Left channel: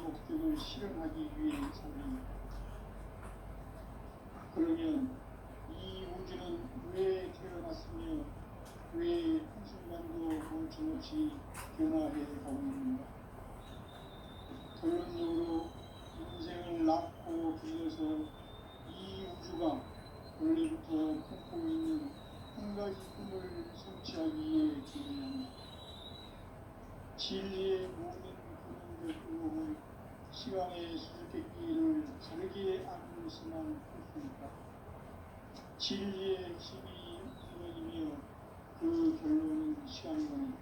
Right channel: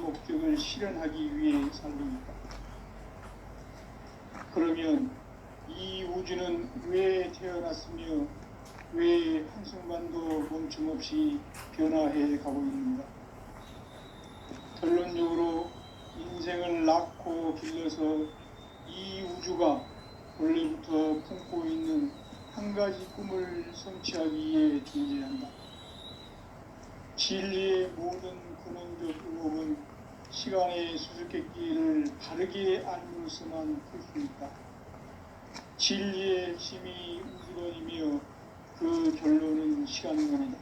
목적을 실현하기 위해 살립니다. 그러면 이 우주는 왜 태어났으며 왜 한순간도 멈춤없이 변화해 가고 있는가? 결론적으로 인생을 낳고 길러서 이 우주가 원래부터 품고 있는 한 가지 꿈을 성취하기 위해 존재한다. 진리의 모든 근원적 의혹은 시간의 수수께끼를 바르게 알므로서만 풀 수 있다. 진리의 핵심이 우주론이며 그 결론은 시간론이다.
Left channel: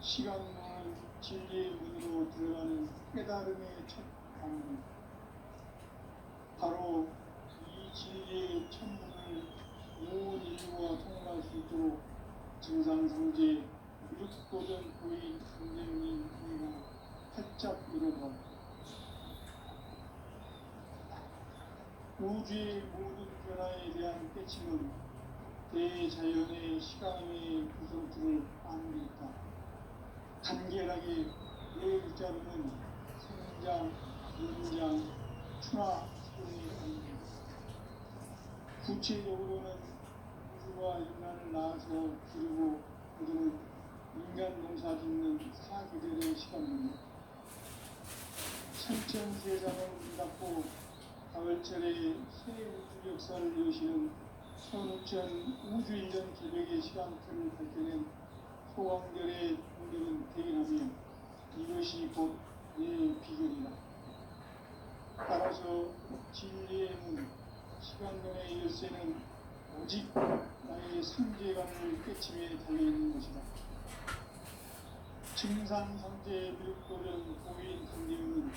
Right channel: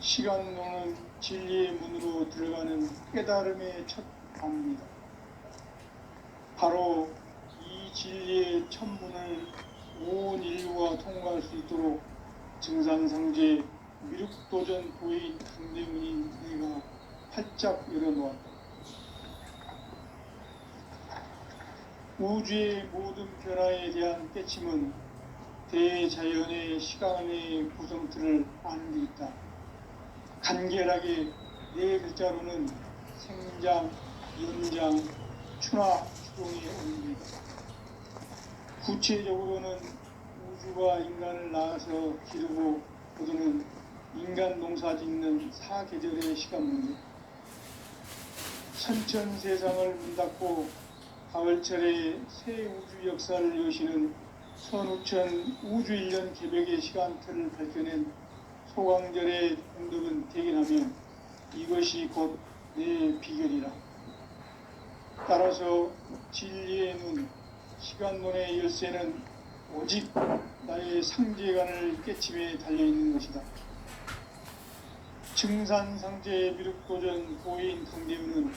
시간론은 진리의 문으로 들어가는 깨달음의 첫 방문이다. 바로 이 진리의 첫 문을 온 인류가 통과할 수 있도록 증산상제 미륵도전 고인 강대문인 내가 활짝 열어놓았다. 우주의 모든 변화에 대한 깨침은 대자연의 시간의 구성틀을 아는 데 있다. 간결하게 네 글자로는 생장, 연장, 추나, 추동의 원리다. 구체적으로는 우주가 인간을 낳아서 기르고 거두는 인간 농사 짓는 사계절의 시간 문제, 천천세상을 문 닫고 가을철에 새 우주 역사를 여시는 선우천 우주 1년 개벽의 시간틀을 밝혀낸 소강절의 공덕은 대견하며 이것이 곧 내 비결이라. 따라서 진리의 문, 시간론의 열쇠는 오직 나의 상제관을 깨침에 달려있는 것이다. 증산상제 미륵도전 고인 강대문은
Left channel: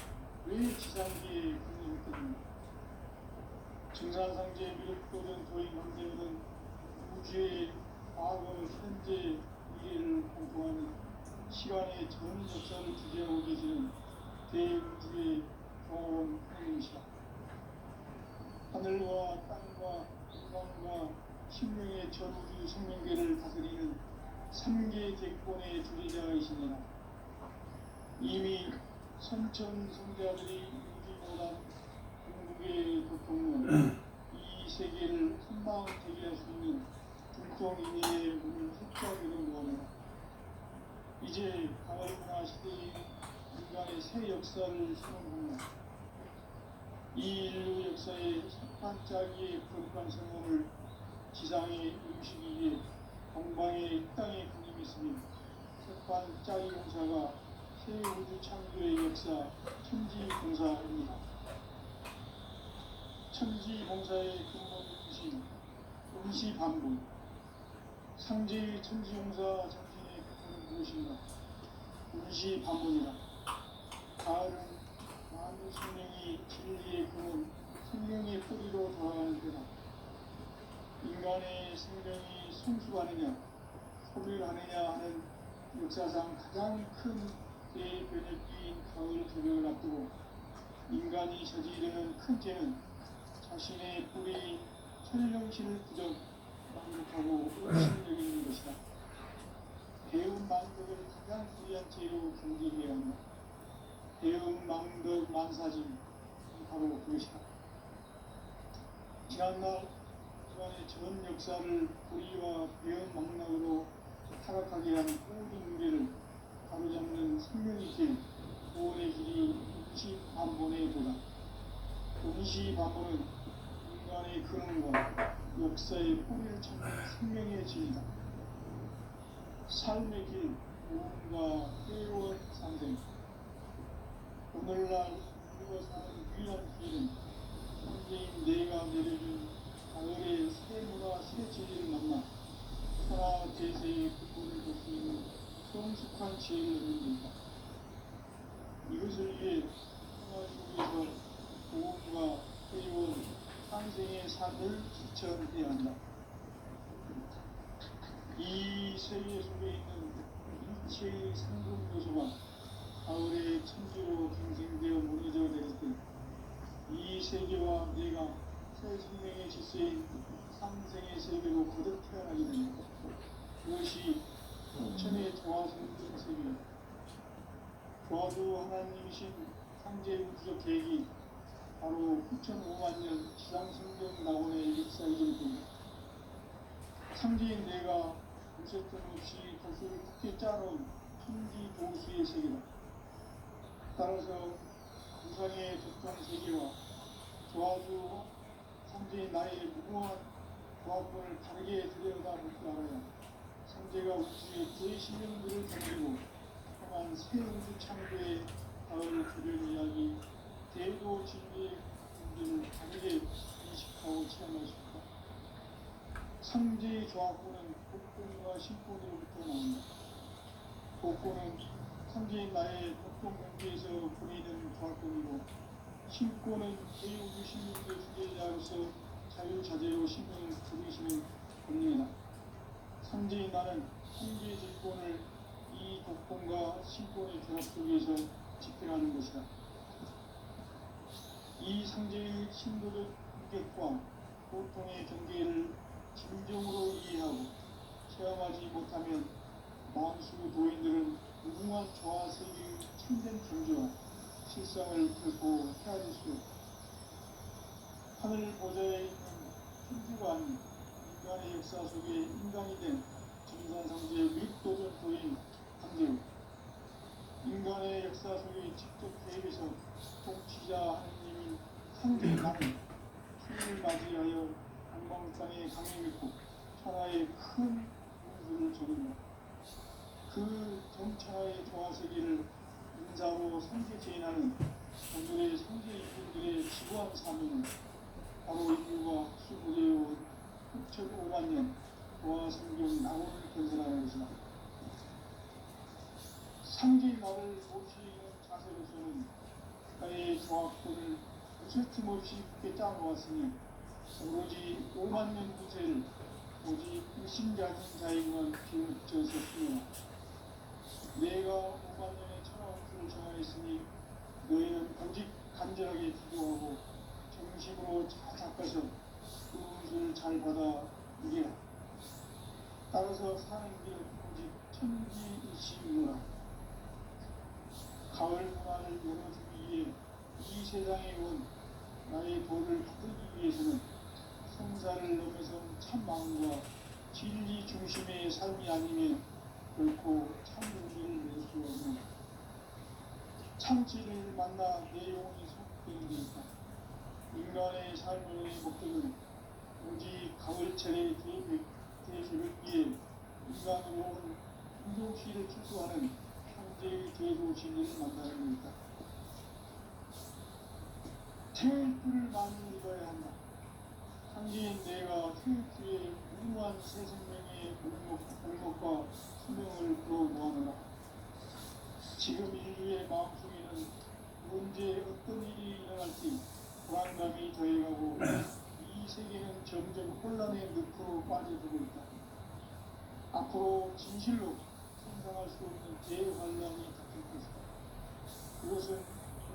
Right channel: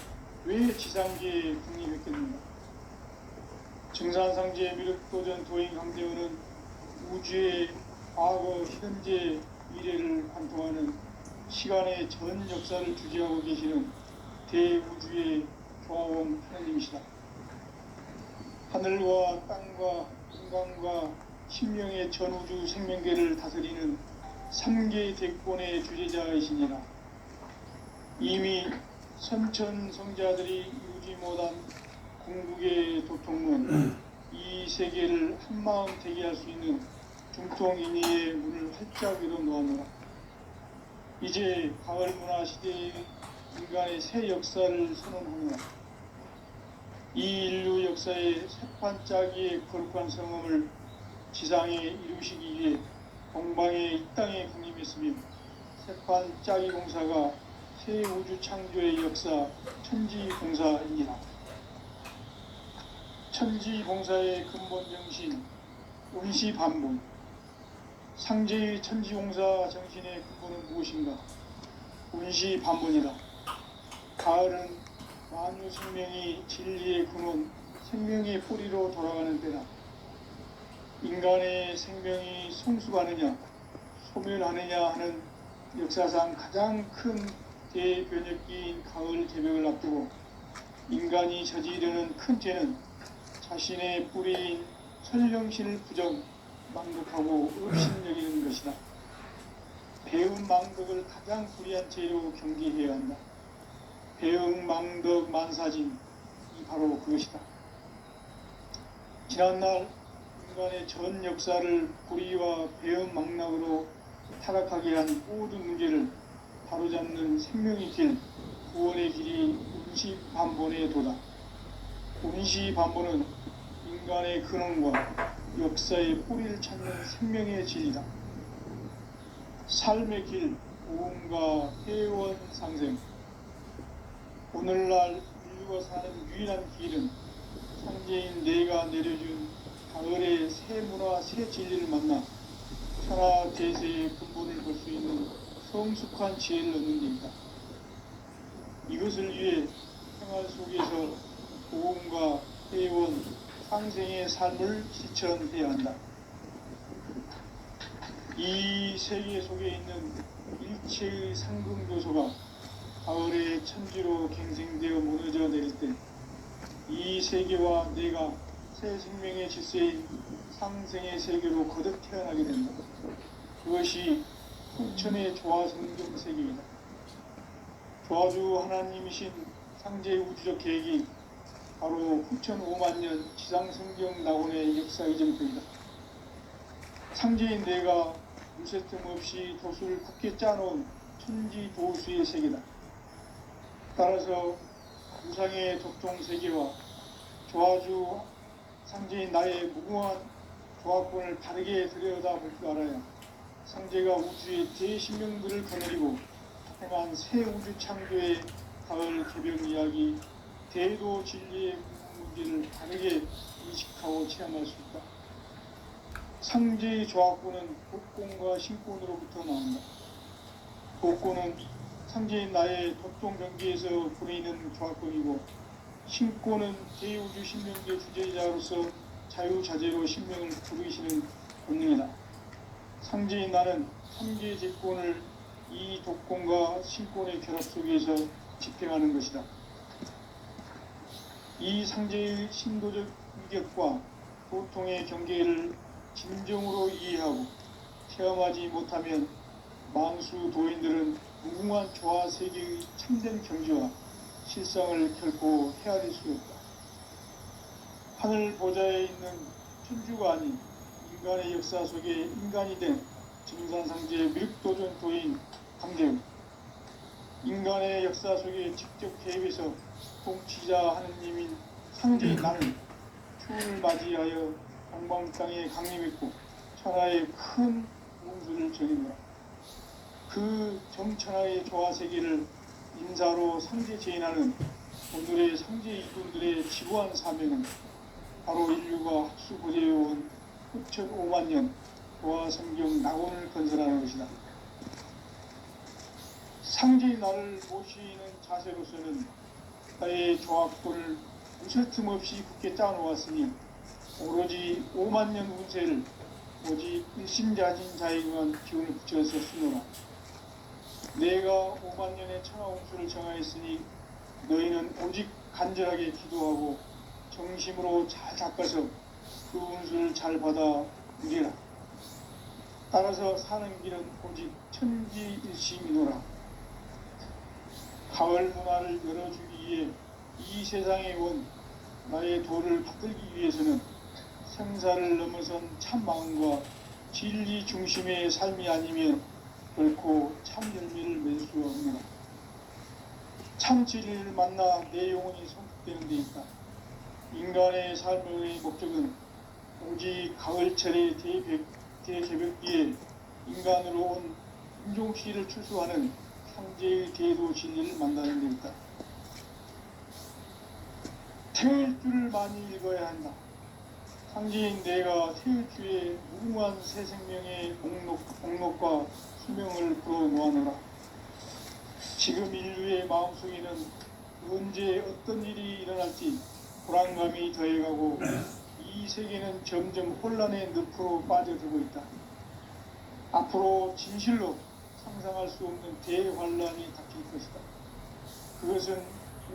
왜 지상계에 국립했겠는가? 증산상제 미륵도전 도인 강대문은 우주의 과거, 현재, 미래를 관통하는 시간의 전 역사를 주재하고 계시는 대우주의 조화원 하나님이시다. 하늘과 땅과 인간과 신명의 전우주 생명계를 다스리는 3개 대권의 주제자이시니라. 이미 선천성자들이 유지 못한 궁극의 도통론, 이 세계를 한마음 되게 할 수 있는 중통인의의 문을 활짝 열어놓았노라. 이제 가을문화 시대의 인간의 새 역사를 선언하노라. 이 인류 역사의 새판짜기의 거룩한 성험을 지상에 이루시기 위해 동방의 이 땅에 강림했으며 새판짜기 공사가 새 우주 창조의 역사 천지봉사입니다. 천지봉사의 근본 정신, 운시반복. 상제의 천지봉사 정신의 근본은 무엇인가? 운시반복이다. 가을은 만유 생명이 진리의 근원, 생명의 뿌리로 돌아가는 때다. 인간의 생명이 성숙하느냐, 소멸하느냐 하는 역사상 가장 큰 대변혁기인 가을 개벽을 앞두고 인간이 저지르는 큰 죄는 자신의 뿌리인 설령신을 부정, 망독하고 의심여기는 것이다. 배운 망덕을 가장 불의한 죄로 경계해야 한다. 배응 망덕 만사진이 바로 그것이다. 지난날 인간의 전 역사를 불의와 배응 망락으로 타락하게 한 모든 문제를 바로잡는 생명의 길, 구원의 길이 운시반본의 도다. 운시반본은 인간의 근원과 역사의 뿌리를 찾는 생명의 진리다. 삶의 길, 오음과 회원 상생. 오늘날 인류가 사는 유일한 길은 상제인 내가 내려준 가을의 새 문화, 새 진리를 만나 천하 대세의 근본을 볼 수 있는 성숙한 지혜를 얻는 데 있다. 이것을 위해 생활 속에서 오음과 회원, 상생의 삶을 실천해야 한다. 이 세계 속에 있는 일체의 상금 요소가 가을의 천지로 갱생되어 무너져 내릴 때 이 세계와 내가 새 생명의 질서인 상생의 세계로 거듭 태어나게 된다. 그것이 후천의 조화성경 세계이다. 조화주 하나님이신 상제 우주적 계획이 바로 9,5만 년 지상성경 낙원의 역사 이전부이다. 상제인 내가 무쇠틈 없이 도수를 굳게 짜놓은 천지도수의 세계다. 따라서 우상의 독통세계와 조화주 상제인 나의 무궁한 조합권을 다르게 들여다볼 줄 알아야 상제가 우주의 대신명들을 거느리고 행한 새 우주 창조의 가을 개벽 이야기, 대도 진리의 문제를 다르게 인식하고 체험할 수 있다. 상제의 조합권은 복권과 신권으로부터 나온다. 복권은 상제인 나의 독동 경계에서 보이는 조합권이고, 신권은 대우주 신명계 주제자로서 자유자재로 신명을 부르시는 본능이다. 상제인 나는 삼계 제권을 이 독권과 신권의 결합 속에서 집행하는 것이다. 이 상제의 신도적 위격과 고통의 경계를 진정으로 이해하고 체험하지 못하면 만수 도인들은 무궁한 조화 세계의 참된 경지와 실상을 결코 헤아릴 수 없다. 하늘 보좌에 있는 천주가 아닌 인간의 역사 속에 인간이 된 정산상제 미륵도전 도인 강대우, 인간의 역사 속에 직접 개입해서 통치자 하느님인 상제인 나는 추운을 맞이하여 동방 땅에 강림했고 천하의 큰 운수를 전했노라. 그 정천하의 조화세계를 인사로 상제 제인하는 오늘의 상제 이분들의 지구한 사명은 바로 인류가 학수고대해온 9,5만 년 조화성경 낙원을 건설하는 것이다. 상제의 나를 모시는 자세로서는 나의 조합권을 무쇠 틈 없이 굳게 짜놓았으니 오로지 5만 년 운세를 오직 일심자진 자에게만 기운을 붙여서 쓰노라. 내가 5만 년의 천하 운수를 정하였으니 너희는 오직 간절하게 기도하고 정심으로 잘 닦아서 그 운수를 잘 받아 누리라. 따라서 사는 길은 오직 천지일심이노라. 가을 문화를 열어주기 위해 이 세상에 온 나의 도를 받들기 위해서는 생사를 넘어선 참 마음과 진리 중심의 삶이 아니면 결코 참 열매를 맺을 수 없느라. 참 진리를 만나 내 영혼이 성숙되는 데 있다. 인간의 삶의 목적은 오직 가을철의 대개벽기에 인간으로 온 인종시를 추수하는 상제의 대도 진리를 만나는 데 있다. 태울 줄을 많이 읽어야 한다. 상제인 내가 태울 주에 무궁한 새 생명의 목록과 수명을 불어놓아노라. 지금 인류의 마음속에는 언제 어떤 일이 일어날지 불안감이 더해가고 이 세계는 점점 혼란의 늪으로 빠져들고 있다. 앞으로 진실로 상상할 수 없는 대환란이 닥칠 것이다. 그것은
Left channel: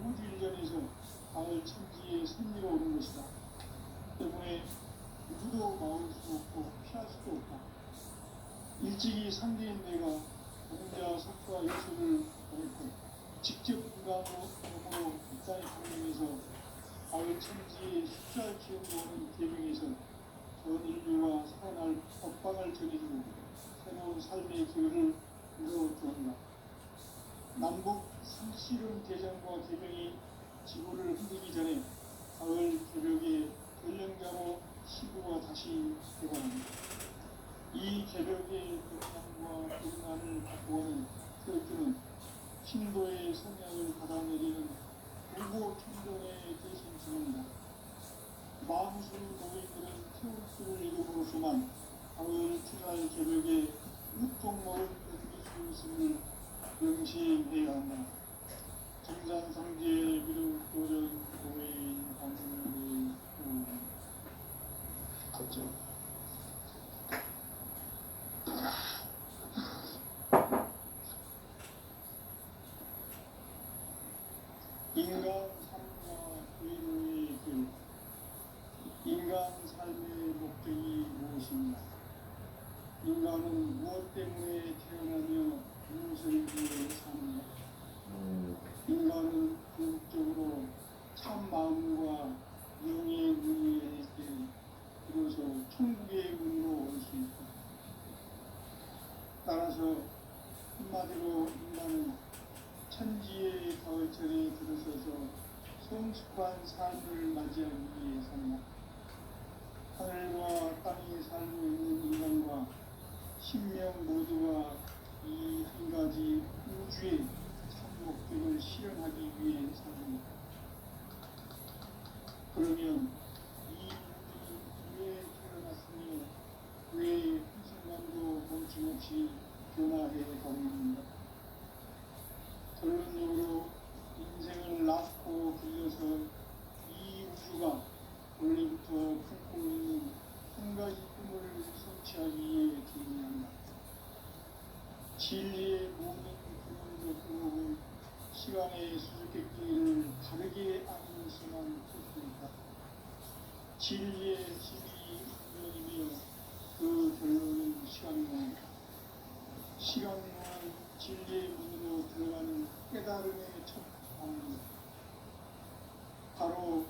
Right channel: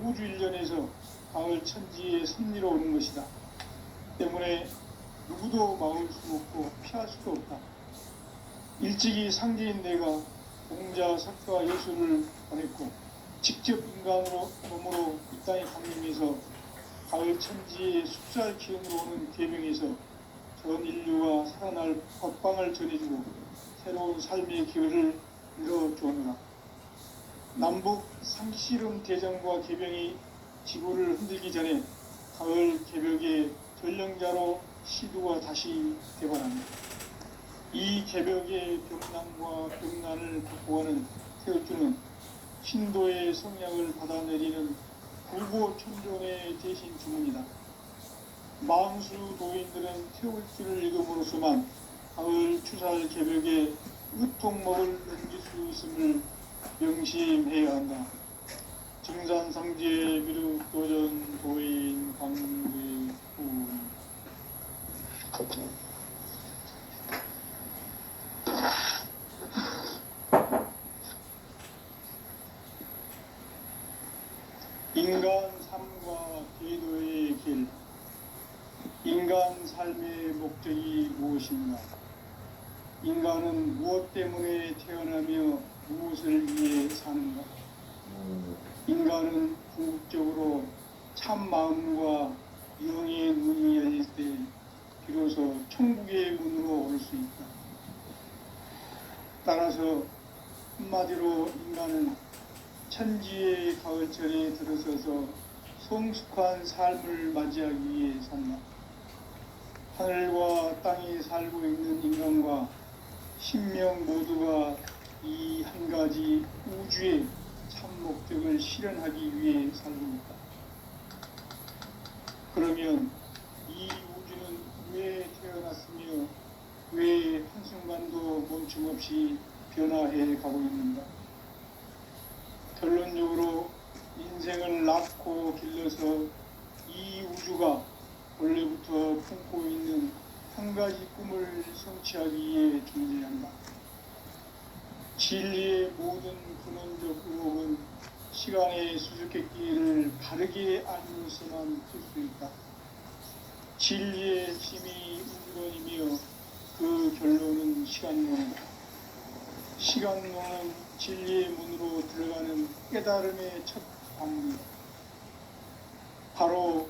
우주 일련에서 가을 천지의 섭리로 오는 것이다. 때문에 누구도 막을 수 없고 피할 수도 없다. 일찍이 상제인 내가 공자, 석가, 예수를 보냈고 직접 인간으로 몸으로 이 땅에 강림해서 가을 천지의 숫살 기운으로 오는 계명에서 전 인류가 살아날 법방을 전해주고 새로운 삶의 기회를 열어주었노라. 남북 상씨름 대전과 개병이 지구를 흔들기 전에 가을 개벽의 전령자로 시도가 다시 되관합니다. 이 개벽의 병난과 병난을 바꾸어가는 태우주는 신도의 성량을 받아내리는 불고천종의 대신 주문이다. 만수 도인들은 태울주를 읽음으로써만 가을 추살 개벽의 으통목을 넘길 수 있음을 명심해야 한다. 정산상제 미륵도전 도인 강대후. 인간 삶과 기도의 길. 인간 삶의 목적이 무엇인가? 인간은 무엇 때문에 태어나며 무엇을 위해 사는가? 인간은 궁극적으로 참 마음과 영의 문이 열릴 때 비로소 천국의 문으로 올 수 있다. 따라서 한마디로 인간은 천지의 가을철에 들어서서 성숙한 삶을 맞이하기 위해 산다. 하늘과 땅에 살고 있는 인간과 신명 모두가 이 한 가지 우주의 참 목적을 실현하기 위해 살고 있다. 그러면 이 우주는 왜 태어났으며 왜 한순간도 멈춤없이 변화해 가고 있는가? 결론적으로 인생을 낳고 길러서 이 우주가 원래부터 품고 있는 한 가지 꿈을 성취하기 위해 존재한다. 진리의 모든 근원적 의혹은 시간의 수수께끼를 바르게 알면서만 풀 수 있다. 진리의 힘이 운론이며 그 결론은 시간론이다. 시간론은 진리의 문으로 들어가는 깨달음의 첫 방문이다. 바로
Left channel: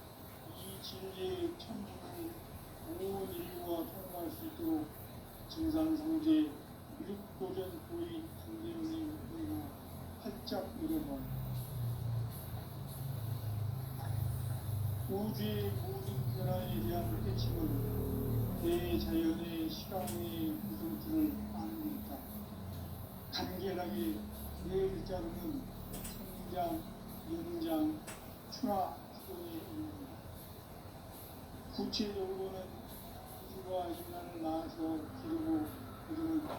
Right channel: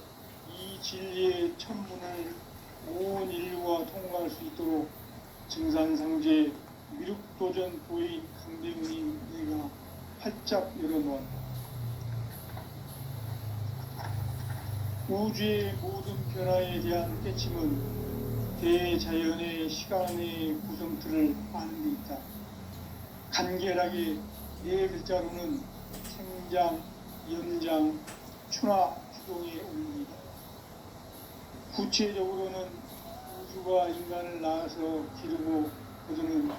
이 진리의 천문을 온 인류가 통과할 수 있도록 증산상제 미륵도전 도인 강대훈인 내가 활짝 열어놓았다. 우주의 모든 변화에 대한 깨침은 대자연의 시간의 구성틀을 아는 데 있다. 간결하게 네 글자로는 생장, 연장, 추나 주동의 원리이다. 구체적으로는 우주가 인간을 낳아서 기르고 거두는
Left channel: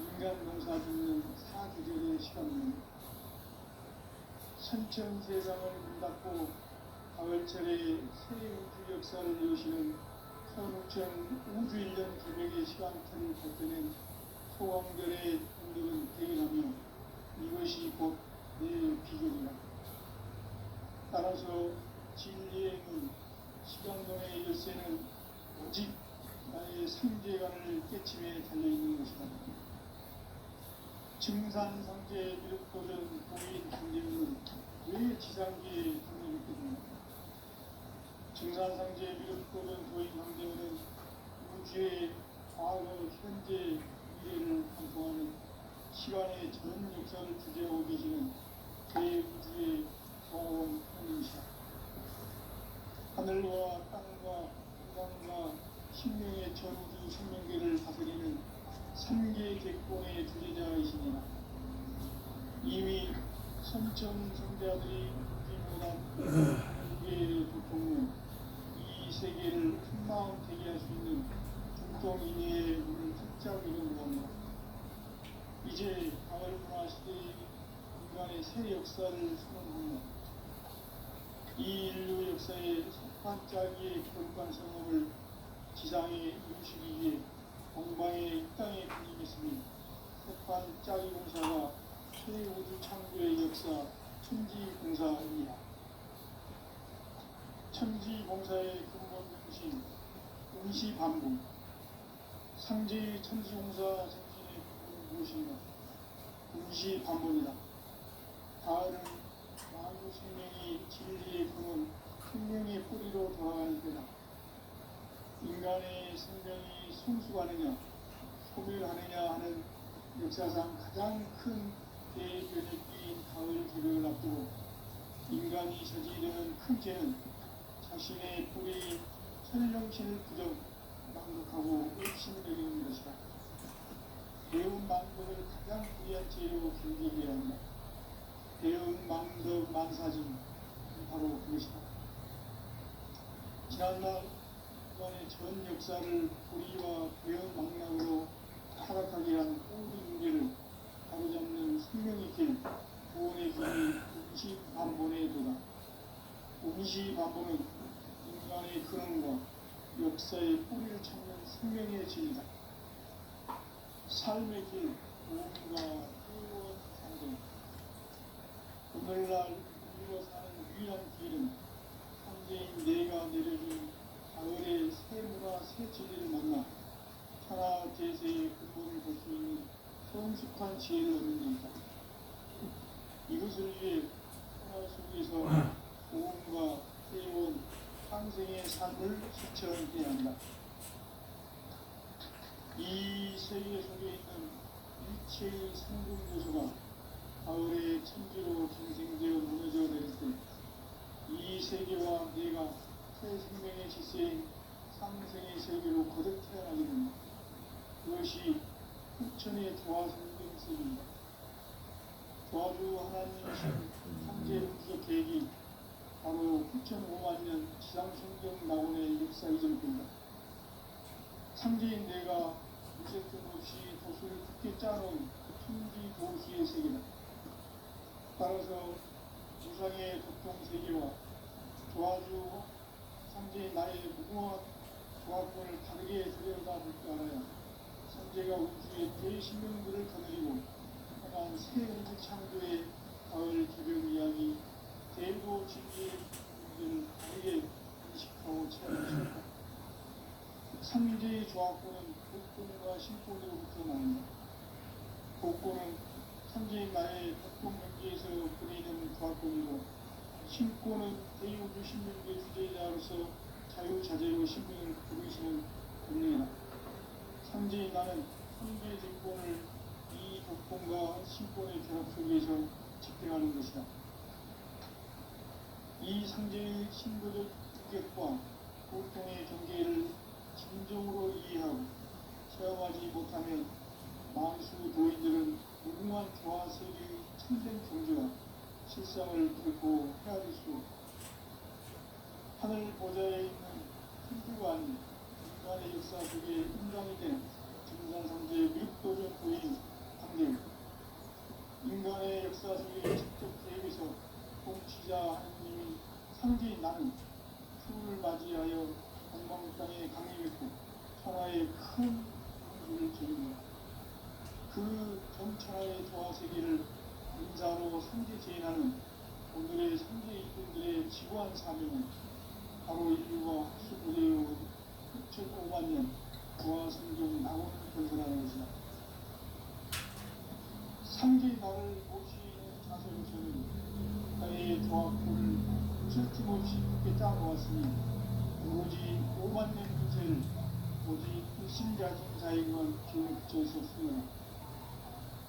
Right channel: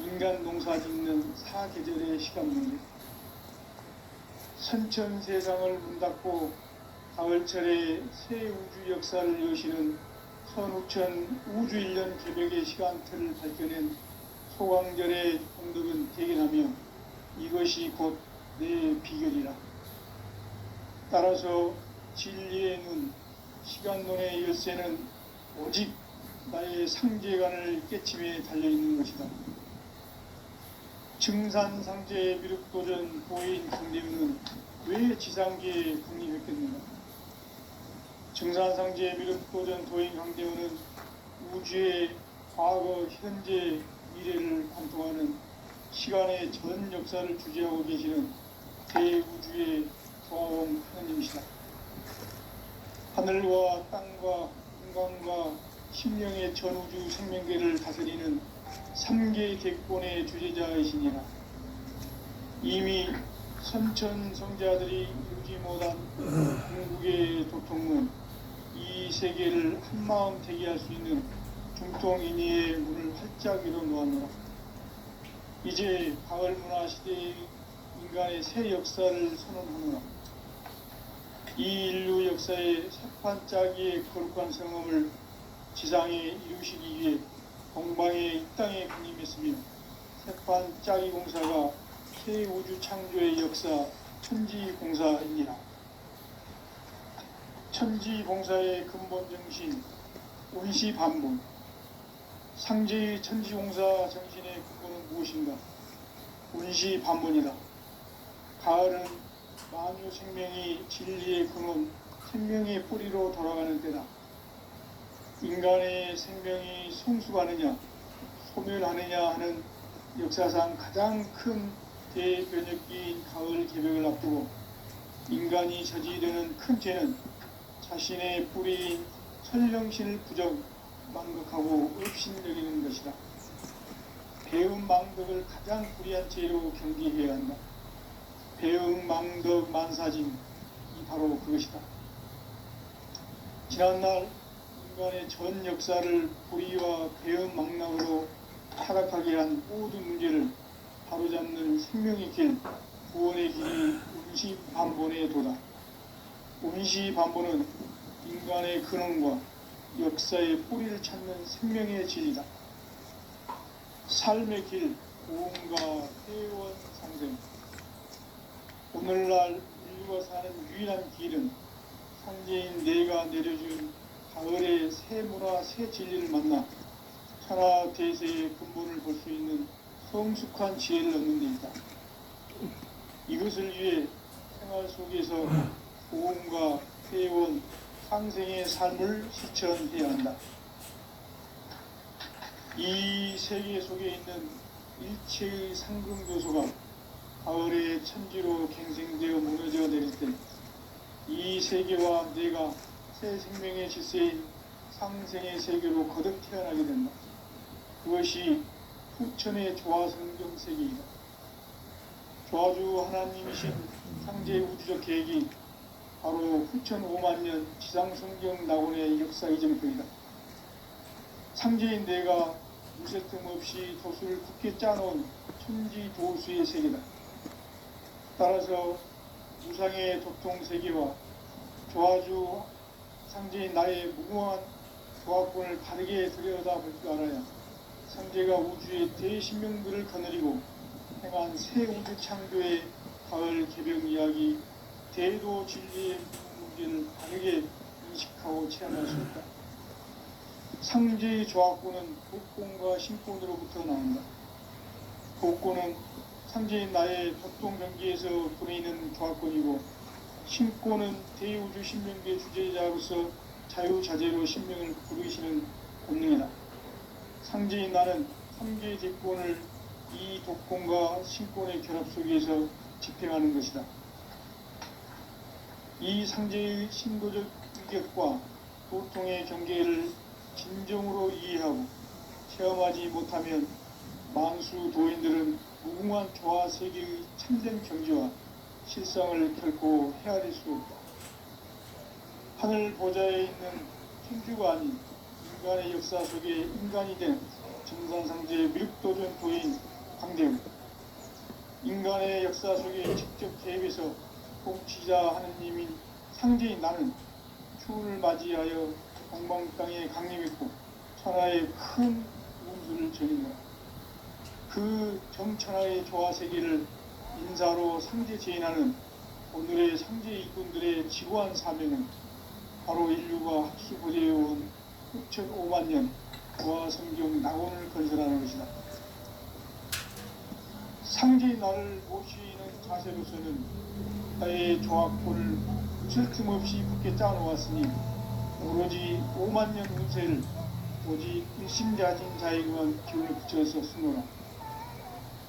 인간 농사 짓는 사계절의 시간문제, 선천세상을 문 닫고 가을철에 새 우주 역사를 여시는 선우천 우주일년 개벽의 시간틀을 밝혀낸 소강절의 공덕은 대견하며 이것이 곧 내 비결이라. 따라서 진리의 눈, 시간론의 열쇠는 오직 나의 상제관을 깨침에 달려있는 것이다. 증산상제 미륵도전 도인 강대훈은 왜 지상계에 국립했겠는가? 증산상제 미륵도전 도인 강대훈은 우주의 과거, 현재, 미래를 관통하는 시간의 전 역사를 주재하고 계시는 대우주의 조화원 하나님이시다. 하늘과 땅과 인간과 심령의 전우주 생명계를 다스리는 3개 객본의 주제자이시니라. 이미 선천성자들이 이루지 못한 궁극의 도통은 이 세계를 한마음 대기할 수 있는 중통인의의 문을 활짝 열어놓았노라. 이제 가을 문화 시대의 인간의 새 역사를 선언하노라. 이 인류 역사의 석판짜기의 거룩한 성험을 지상에 이루시기 위해 동방의 이 땅에 군림했으며 석판짜기 공사가 새 우주 창조의 역사 천지봉사입니다. 천지봉사의 근본 정신 운시반복. 상제의 천지봉사 정신의 근본은 무엇인가? 운시반복이다. 가을은 만유 생명이 진리의 근원, 생명의 뿌리로 돌아가는 때다. 인간의 생명이 성숙하느냐, 소멸하느냐 하는 역사상 가장 큰 대변혁기인 가을 개벽을 앞두고 인간이 저지르는 큰 죄는 자신의 뿌리인 천령신을 부정, 망극하고 업신여기는 것이다. 배움 망덕을 가장 불의한 죄로 경계해야 한다. 배움 망덕 만사진이 바로 그것이다. 지난날 인간의 전 역사를 불의와 배움 망락으로 타락하게 한 모든 문제를 바로잡는 생명의 길, 구원의 길이 운시반본의 도다. 운시반본은 인간의 근원과 역사의 뿌리를 찾는 생명의 진리다. 삶의 길, 고음과 회원 상생. 오늘날 인류가 사는 유일한 길은 상제인 내가 내려준 가을의 새 문화, 새 진리를 만나 천하 대세의 근본을 볼 수 있는 성숙한 지혜를 얻는 데이다. 이것을 위해 생활 속에서 보험과 회원, 상생의 삶을 실천해야 한다. 이 세계 속에 있는 일체의 상승 요소가 가을의 천지로 갱생되어 무너져 내릴 때 이 세계와 내가 새 생명의 질서인 상생의 세계로 거듭 태어나게 된다. 그것이 후천의 조화성경 세계이다. 조화주 하나님이신 상제 우주적 계획이 바로 후천 5만 년 지상성경 낙원의 역사 이전편이다. 상제인 내가 무쇠 틈 없이 도수를 굳게 짜놓은 천지 도수의 세계다. 따라서 우상의 도통 세계와 조화주 상제인 나의 무궁한 조화권을 바르게 들여다볼 줄 알아야 상제가 우주의 대신명들을 거느리고 행한 새 우주 창조의 가을 개벽 이야기 대도 진리의 문제를 바르게 인식하고 체험할 수 있다. 상제의 조화권은 복권과 신권으로부터 나온다. 복권은 상제인 나의 보통 경계에서 보내는 조화권이고, 신권은 대우주 신명계 주제자로서 자유자재로 신명을 부르시는 본능이다. 상제인 나는 상계의 대권을 이 복권과 신권의 결합 속에서 집행하는 것이다. 이 상제의 신도적 위격과 보통의 경계를 진정으로 이해하고 체험하지 못하면 만수 도인들은 무궁한 조화 세계의 참된 경지와 실상을 결코 헤아릴 수 없다. 하늘 보좌에 있는 천주가 아닌 인간의 역사 속에 인간이 된 정상상제의 미륵도전 도인 광대우, 인간의 역사 속에 직접 개입해서 통치자 하느님인 상제인 나는 추운을 맞이하여 동방 땅에 강림했고 천하의 큰 운수를 전인다. 그 정천하의 조화 세계를 인사로 상제 제인하는 오늘의 상제 일꾼들의 지구한 사명은 바로 인류가 합수보되어온 6,5만 년 조화 성경 낙원을 건설하는 것이다. 상제의 나를 모시는 자세로서는 나의 조화권을 쉴 틈 없이 굳게 짜놓았으니 오로지 5만 년 운세를 오직 일심자진 자에게만 기운을 붙여서 쓰노라.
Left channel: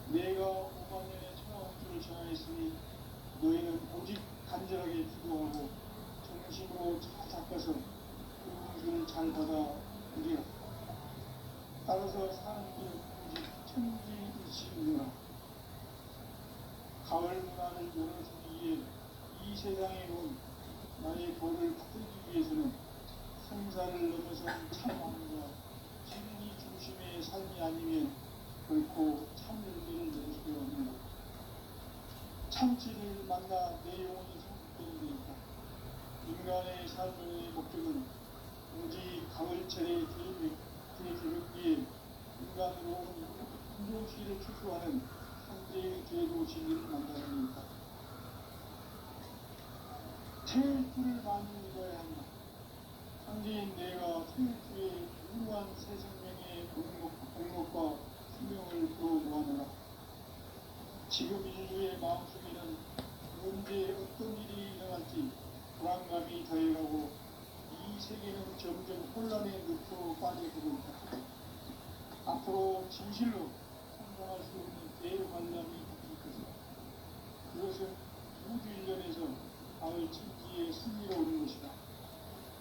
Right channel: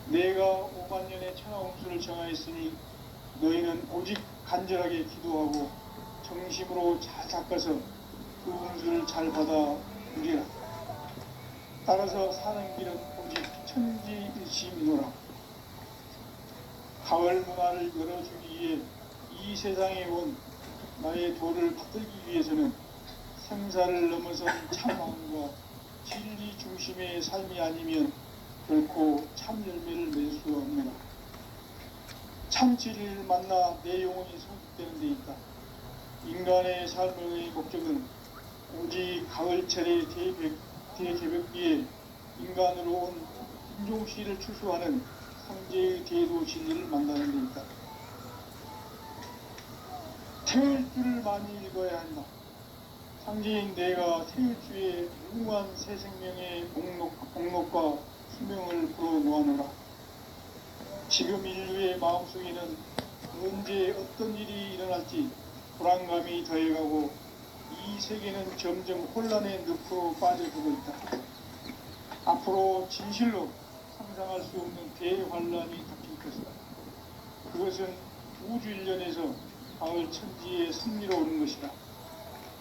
내가 5만 년의 천하 운수를 정하였으니 너희는 오직 간절하게 기도하고 정심으로 잘 닦아서 그 운수를 잘 받아 누리라. 따라서 사는 길은 오직 천지일심이노라. 가을 문화를 열어주기 위해 이 세상에 온 나의 도를 받들기 위해서는 생사를 넘어선 참마음과 진리 중심의 삶이 아니면 결코 참 열매를 낼 수 없느라. 참 진리를 만나 내 영혼이 성숙되는 데 있다. 인간의 삶의 목적은 오직 가을철의 대개벽기에 인간으로 온 인종시를 추수하는 상제의 대도 진리를 만나는 데 있다. 태울 줄을 많이 읽어야 한다. 상제인 내가 태울 주의 무궁한 새 생명의 목록과 수명을 불어놓아노라. 지금 인류의 마음속에는 언제 어떤 일이 일어날지 불안감이 더해가고 이 세계는 점점 혼란의 늪으로 빠져들고 있다. 앞으로 진실로 상상할 수 없는 대환란이 닥칠 것이다. 그것은 우주 일련에서 가을 천지의 승리로 오는 것이다.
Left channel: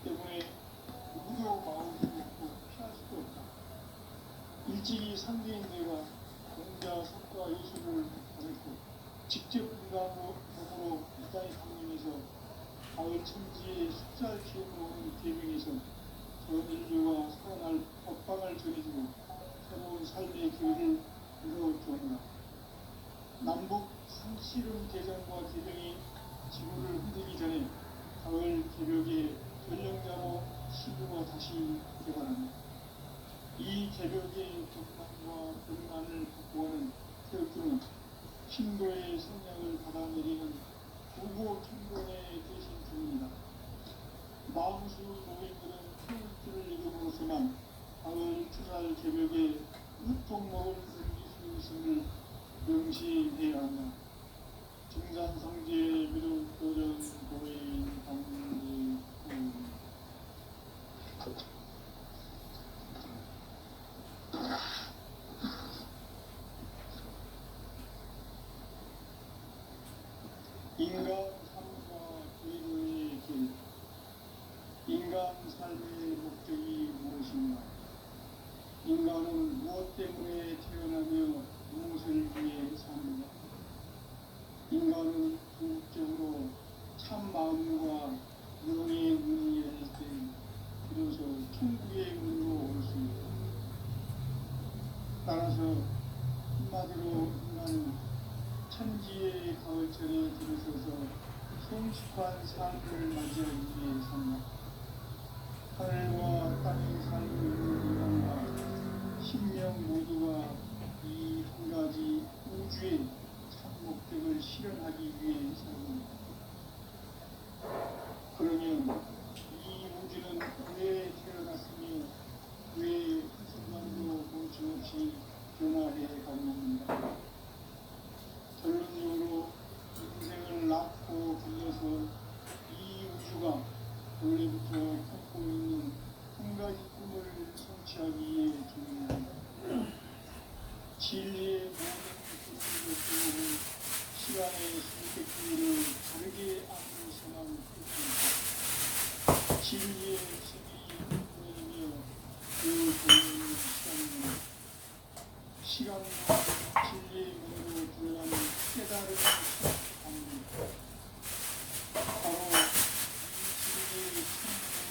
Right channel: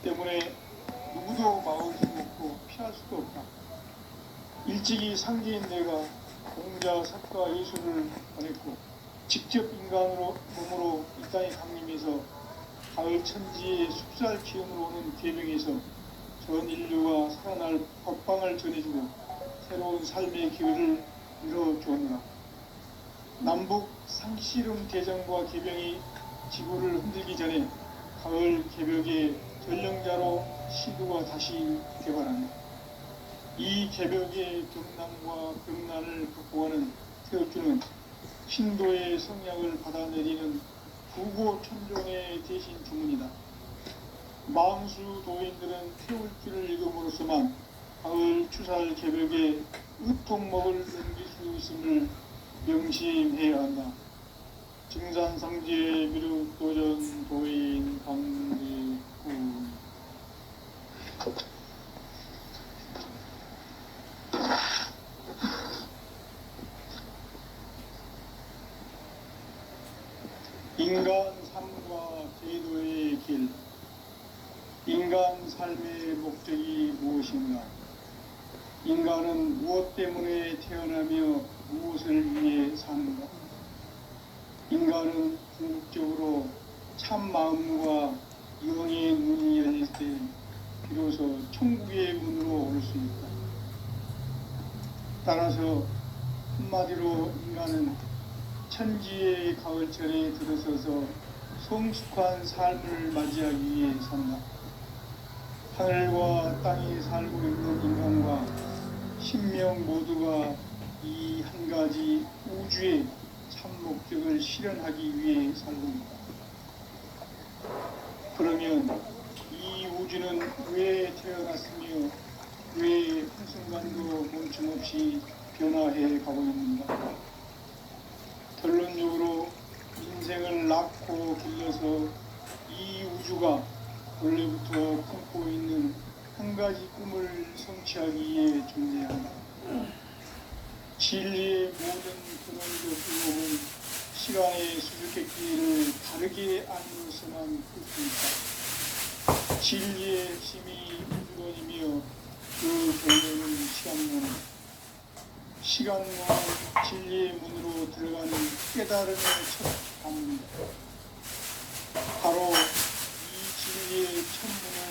때문에 누구도 막을 수 없고 피할 수도 없다. 일찍이 상제인 내가 공자, 석가, 예수를 보냈고 직접 인간으로 몸으로 이 땅에 강림해서 가을 천지의 숲살 기운으로 오는 계명에서 전 인류가 살아날 법방을 전해주고 새로운 삶의 기회를 이뤄주었노라. 남북 상씨름 개정과 개병이 지구를 흔들기 전에 가을 개벽의 전령자로 시도가 다시 개발한다. 이 개벽의 경난과 병난을 극복하는 태울주는 신도의 성향을 받아내리는 부고천종의 대신 주문이다. 만수 도인들은 태울주를 읽음으로써만 가을 추살 개벽의 으통목을 넘길 수 있음을 명심해야 한다. 증산상제 미륵도전 도인 강대구 인간 삶과 제도의 길. 인간 삶의 목적이 무엇인가? 인간은 무엇 때문에 태어나며 무엇을 위해 사는가? 인간은 궁극적으로 참 마음과 영의 문이 열릴 때 비로소 천국의 문으로 올 수 있다. 따라서 한마디로 인간은 천지의 가을철에 들어서서 성숙한 삶을 맞이하기 위해 산다. 하늘과 땅에 살고 있는 인간과 신명 모두가 이 한 가지 우주의 참 목적을 실현하기 위해 살고 있다. 그러면 이 우주는 왜 태어났으며 왜 한순간도 멈춤없이 변화해 가고 있는가? 결론적으로 인생을 낳고 길러서 이 우주가 원래부터 품고 있는 한 가지 꿈을 성취하기 위해 존재한다. 진리의 모든 근원적 의혹은 시간의 수수께끼를 다르게 알면서만 풀 수 있다. 진리의 핵심이 근원이며 그 근원은 시간론. 시간론 진리의 문으로 들어가는 깨달음의 첫 방문. 바로 이 진리의 천문을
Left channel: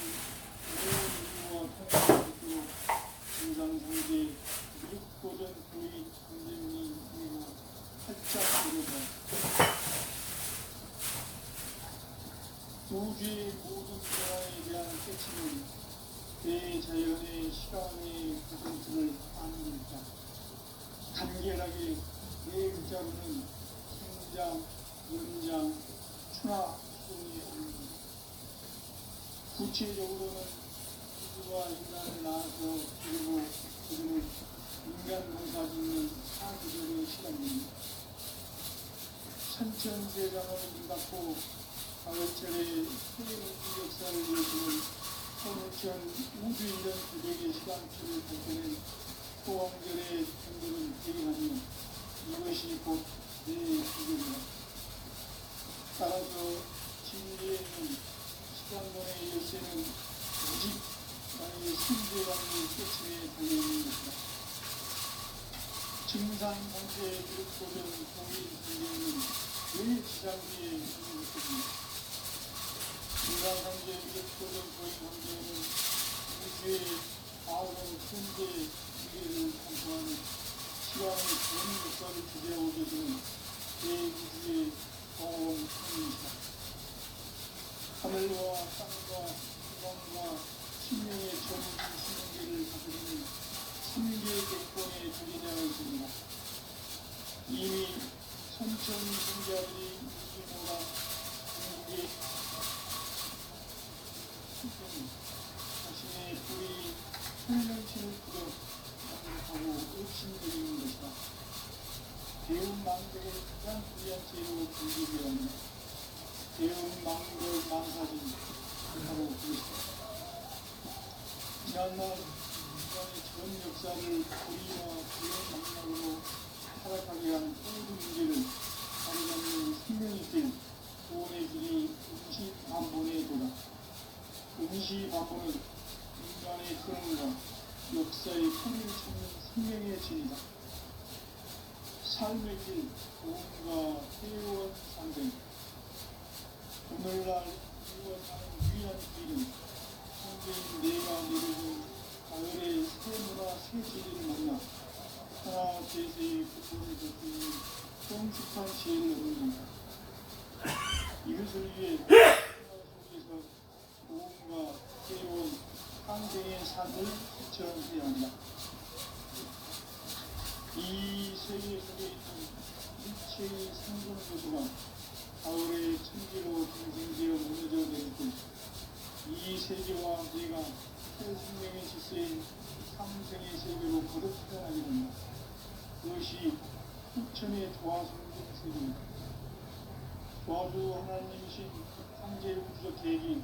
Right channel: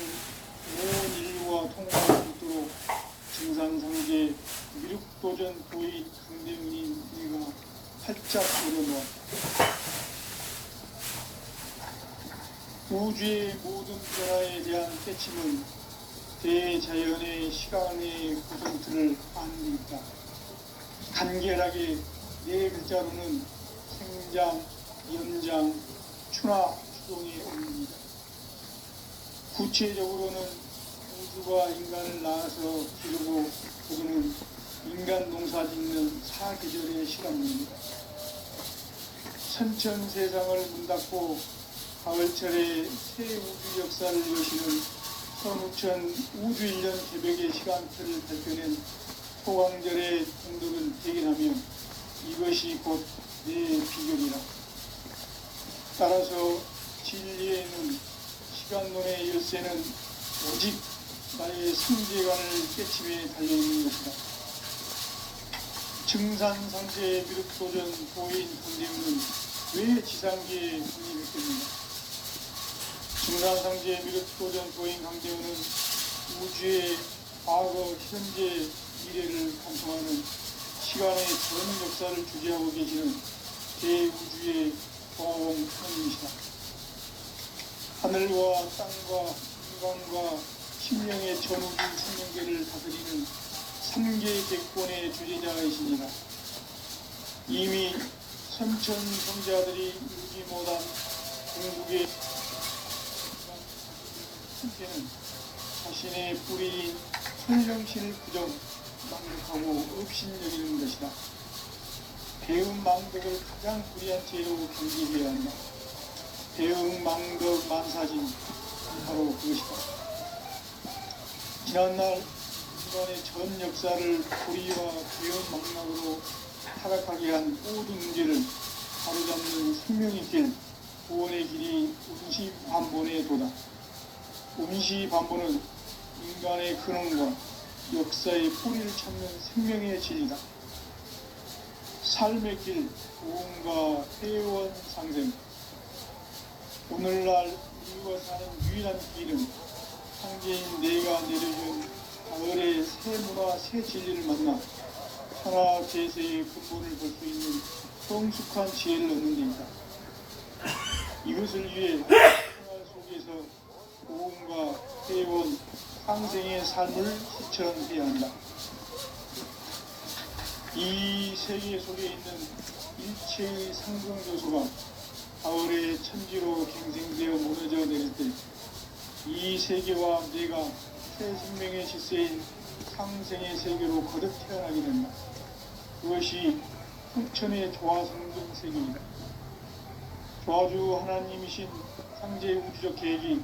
온 인류와 통할 수 있도록 증산상제 미륵도전 도인 강대훈이 우리가 활짝 열어놓았다. 우주의 모든 변화에 대한 깨침은 대자연의 시간의 구성틀을 아는 데 있다. 간결하게 네 글자로는 생장, 연장, 추나, 추동이 없습니다. 구체적으로는 우주가 인간을 낳아서 기르고 그는 인간 농사 짓는 사계절의 시간입니다. 선천세상을 문 닫고 가을철에 새 우주 역사를 여시는 선우천 우주 1년 개백의 시간표를 발표낸 소강절의 공덕은 대긴하며 이것이 곧 내 비결이라. 따라서 진리에는 시간론의 열쇠는 오직 나의 성재관을 깨침에 달려있는 것이다. 증산상제 미륵도전 도인 강대훈은 왜 지상계에 문이 됐겠는가? 증산상제 미륵도전 도인 강대훈은 우주의 과거, 현재, 미래를 감통하는 시간의 전 역사를 주재하고 계시는 대우주의 정원님이시다. 하늘과 땅과 인간과 심령의 전우주 생명계를 다스리는 3계 대권의 주제자이십니다. 이미 선천성자들이 이루지 못한 궁극의 한때는 자신의 뿌리인 손령신을 부정 망덕하고 업신여기는 것이다. 배은 망덕을 가장 불리한 죄로 경계해야 한다. 배은 망덕 만사진 바로 그것이다. 지난날 인간의 전 역사를 불의와 배은 망락으로 타락하게 한 모든 문제를 바로잡는 생명의 길, 구원의 길이 음시반본에 도다. 음시반본은 인간의 근원과 역사의 뿌리를 찾는 생명의 진리다. 삶의 길, 구원과 회원 상생. 오늘날 우리가 사는 유일한 길은 창제인 내가 내려준 가을의 새 문화, 새 진리를 만나 하나 제세의 근본을 볼 수 있는 성숙한 지혜를 얻는 데이다. 이것을 위해 생활 속에서 구원과 회원, 상생의 삶을 실천해야 한다. 이 세계 속에 있는 일체의 상승조소가 가을의 천지로 갱생되어 무너져 내릴 때 이 세계와 내가 새 생명의 질서인 상생의 세계로 거듭 태어나게 된다. 그것이 흑천의 조화성등 세계이다. 조화주 하나님이신 상제 우주적 계획이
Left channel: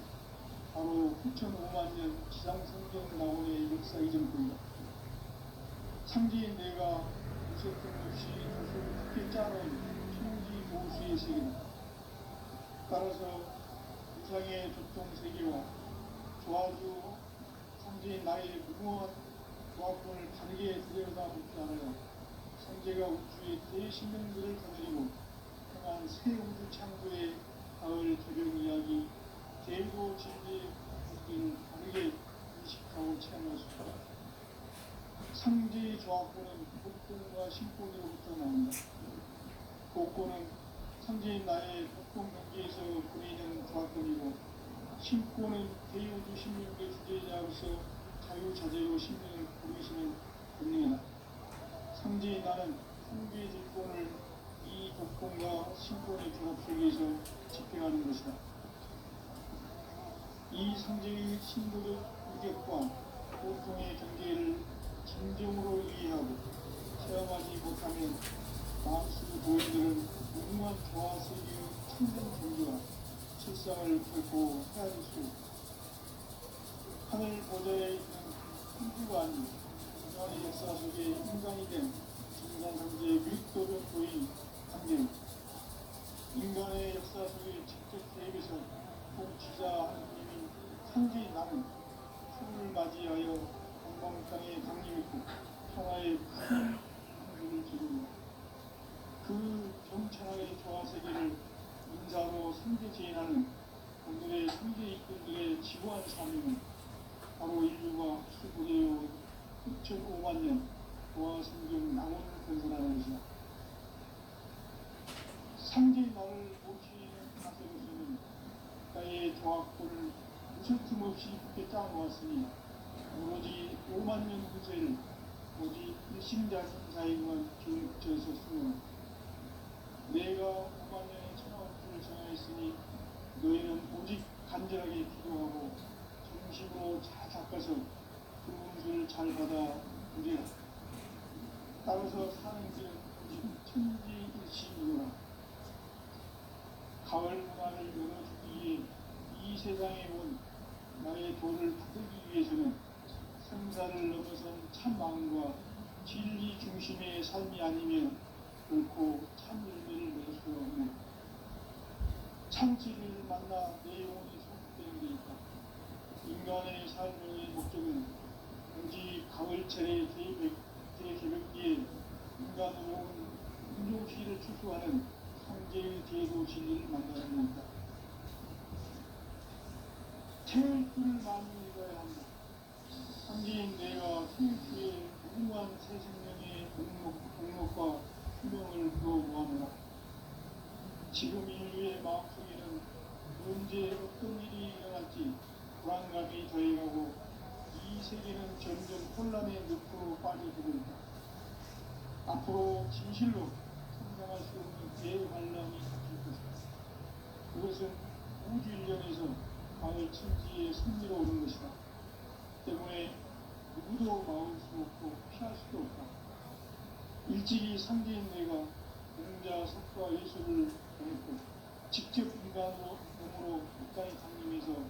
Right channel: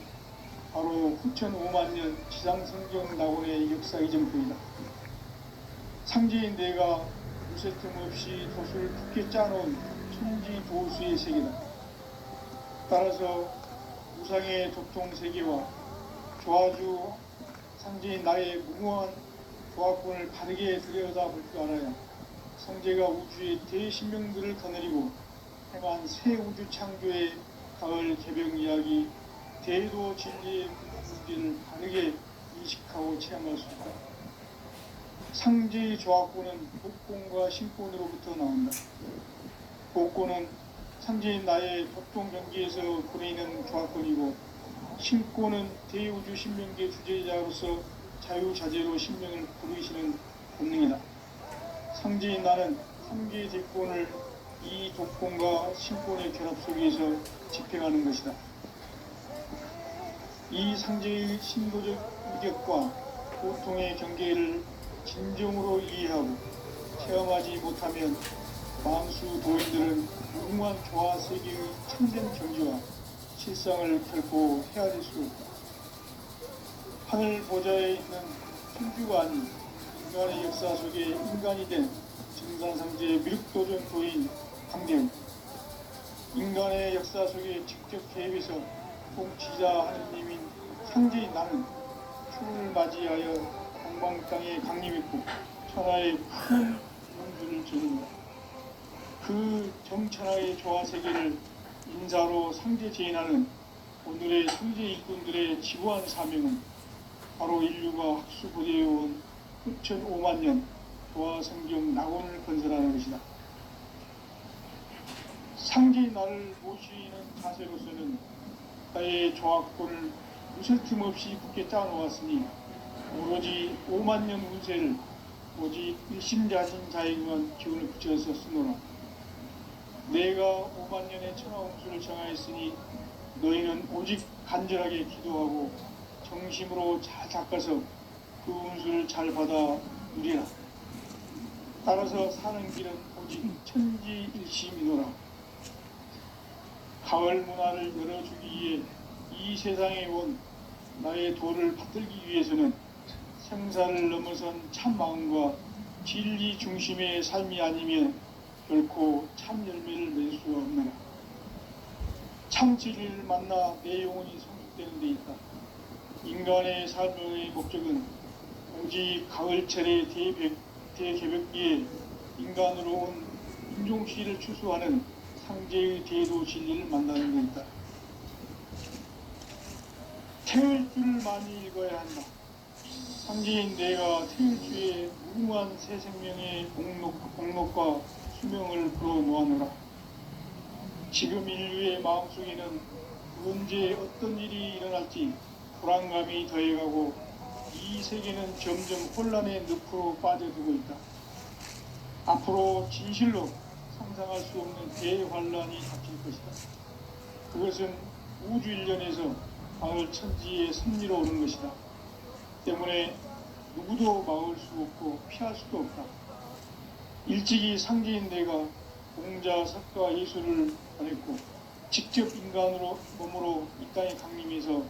바로 후천 5만 년 지상성경 낙원의 역사 이전입니다. 상제인 내가 무쇠 틈 없이 돛을 굳게 짜놓은 천지 도수의 세계다. 따라서 우상의 도통 세계와 조화주 상제인 나의 무모한 조화권을 바르게 들여다볼 줄 알아야 성제가 우주의 대신명들을 거느리고 행한 새 우주 창조의 가을 개벽 이야기 대도 진리의 문제를 바르게 인식하고 체험할 수 있다. 상제의 조화권은 복권과 신권으로부터 나온다. 복권은 상제인 나의 도통 경계에서 보내는 조화권이고, 신권은 대우주 신명계 주제자로서 자유자재로 신명을 부르시는 본능이다. 상제인 나는 상계의 대권을 이 독권과 신권의 결합 속에서 집행하는 것이다. 이 상제의 신도적 의격과 고통의 경계를 진정으로 이해하고 체험하지 못하면 만수 도인들은 무궁한 조화 세계의 참된 경지와 실상을 결코 헤아릴 수 없다. 하늘 보좌에 있는 천주가 아닌 인간의 역사 속에 인간이 된 증산상제의 미륵도전 도인 강대우, 인간의 역사 속에 직접 개입해서 통치자 하느님인 상제인 나는 추를 맞이하여 동방 땅에 강림했고 천하의 큰 문주를 지는다. 그 정천하의 조화 세계를 인사로 상제 제인하는 오늘의 상제 일꾼들의 지구한 사명은 바로 인류가 학수고대해온 후천 5만 년 조화 성경 낙원을 건설하는 것이다. 상제인 나를 모시는 자세로서는 나의 조화권을 무술 틈 없이 굳게 짜놓았으니 오로지 5만 년 운세를 오직 일심자진 자에게만 기운을 붙여서 쓰노라. 내가 5만 년의 천하홍수를 정하였으니 너희는 오직 간절하게 기도하고 정심으로 잘 닦아서 그 운수를 잘 받아 누리라. 따라서 사는 길은 오직 천지일심이노라. 가을 문화를 열어주기 위해 이 세상에 온 나의 도를 받들기 위해서는 생사를 넘어선 참 마음과 진리 중심의 삶이 아니면 결코 참 열매를 낼 수 없느라. 참 진리를 만나 내 영혼이 성숙되는 데 있다. 인간의 삶의 목적은 오직 가을철의 대개벽기에 인간으로 온 인종시를 추수하는 상제의 대도 진리를 만나는 데 있다. 태울 줄을 많이 읽어야 한다. 상제인 내가 태울 주의 무궁한 새 생명의 공목과 수명을 불어모아노라. 지금 인류의 마음속에는 언제 어떤 일이 일어날지 불안감이 더해가고 이 세계는 점점 혼란의 늪으로 빠져들고 있다. 앞으로 진실로 상상할 수 없는 대환란이 닥칠 것이다. 그것은 우주 일련에서 가을 천지의 섭리로 오는 것이다. 때문에 누구도 막을 수 없고 피할 수도 없다. 일찍이 상제인 내가 공자, 석가, 예수를 보냈고 직접 인간으로 몸으로 이 땅에 강림해서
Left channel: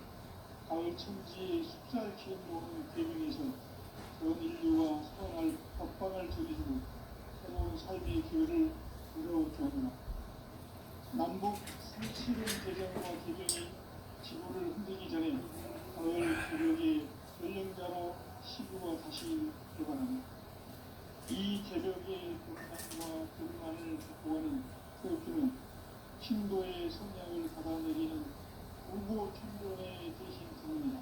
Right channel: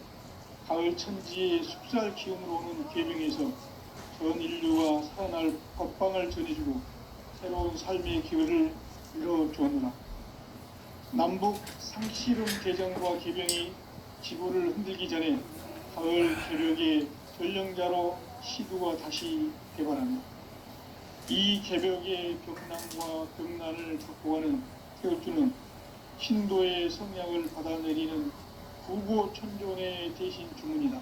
가을 천지의 숲살 기운으로 오는 계명에서 전 인류가 살아날 법방을 전해주고 새로운 삶의 기회를 이뤄주었노라. 남북 상시름 개정과 개병이 지구를 흔들기 전에 가을 개벽의 전령자로 시두가 다시 개발합니다. 이 개벽의 벽난과 벽난을 갖고 가는 태우주는 신도의 성향을 받아내리는 구고천존의 대신 주문이다.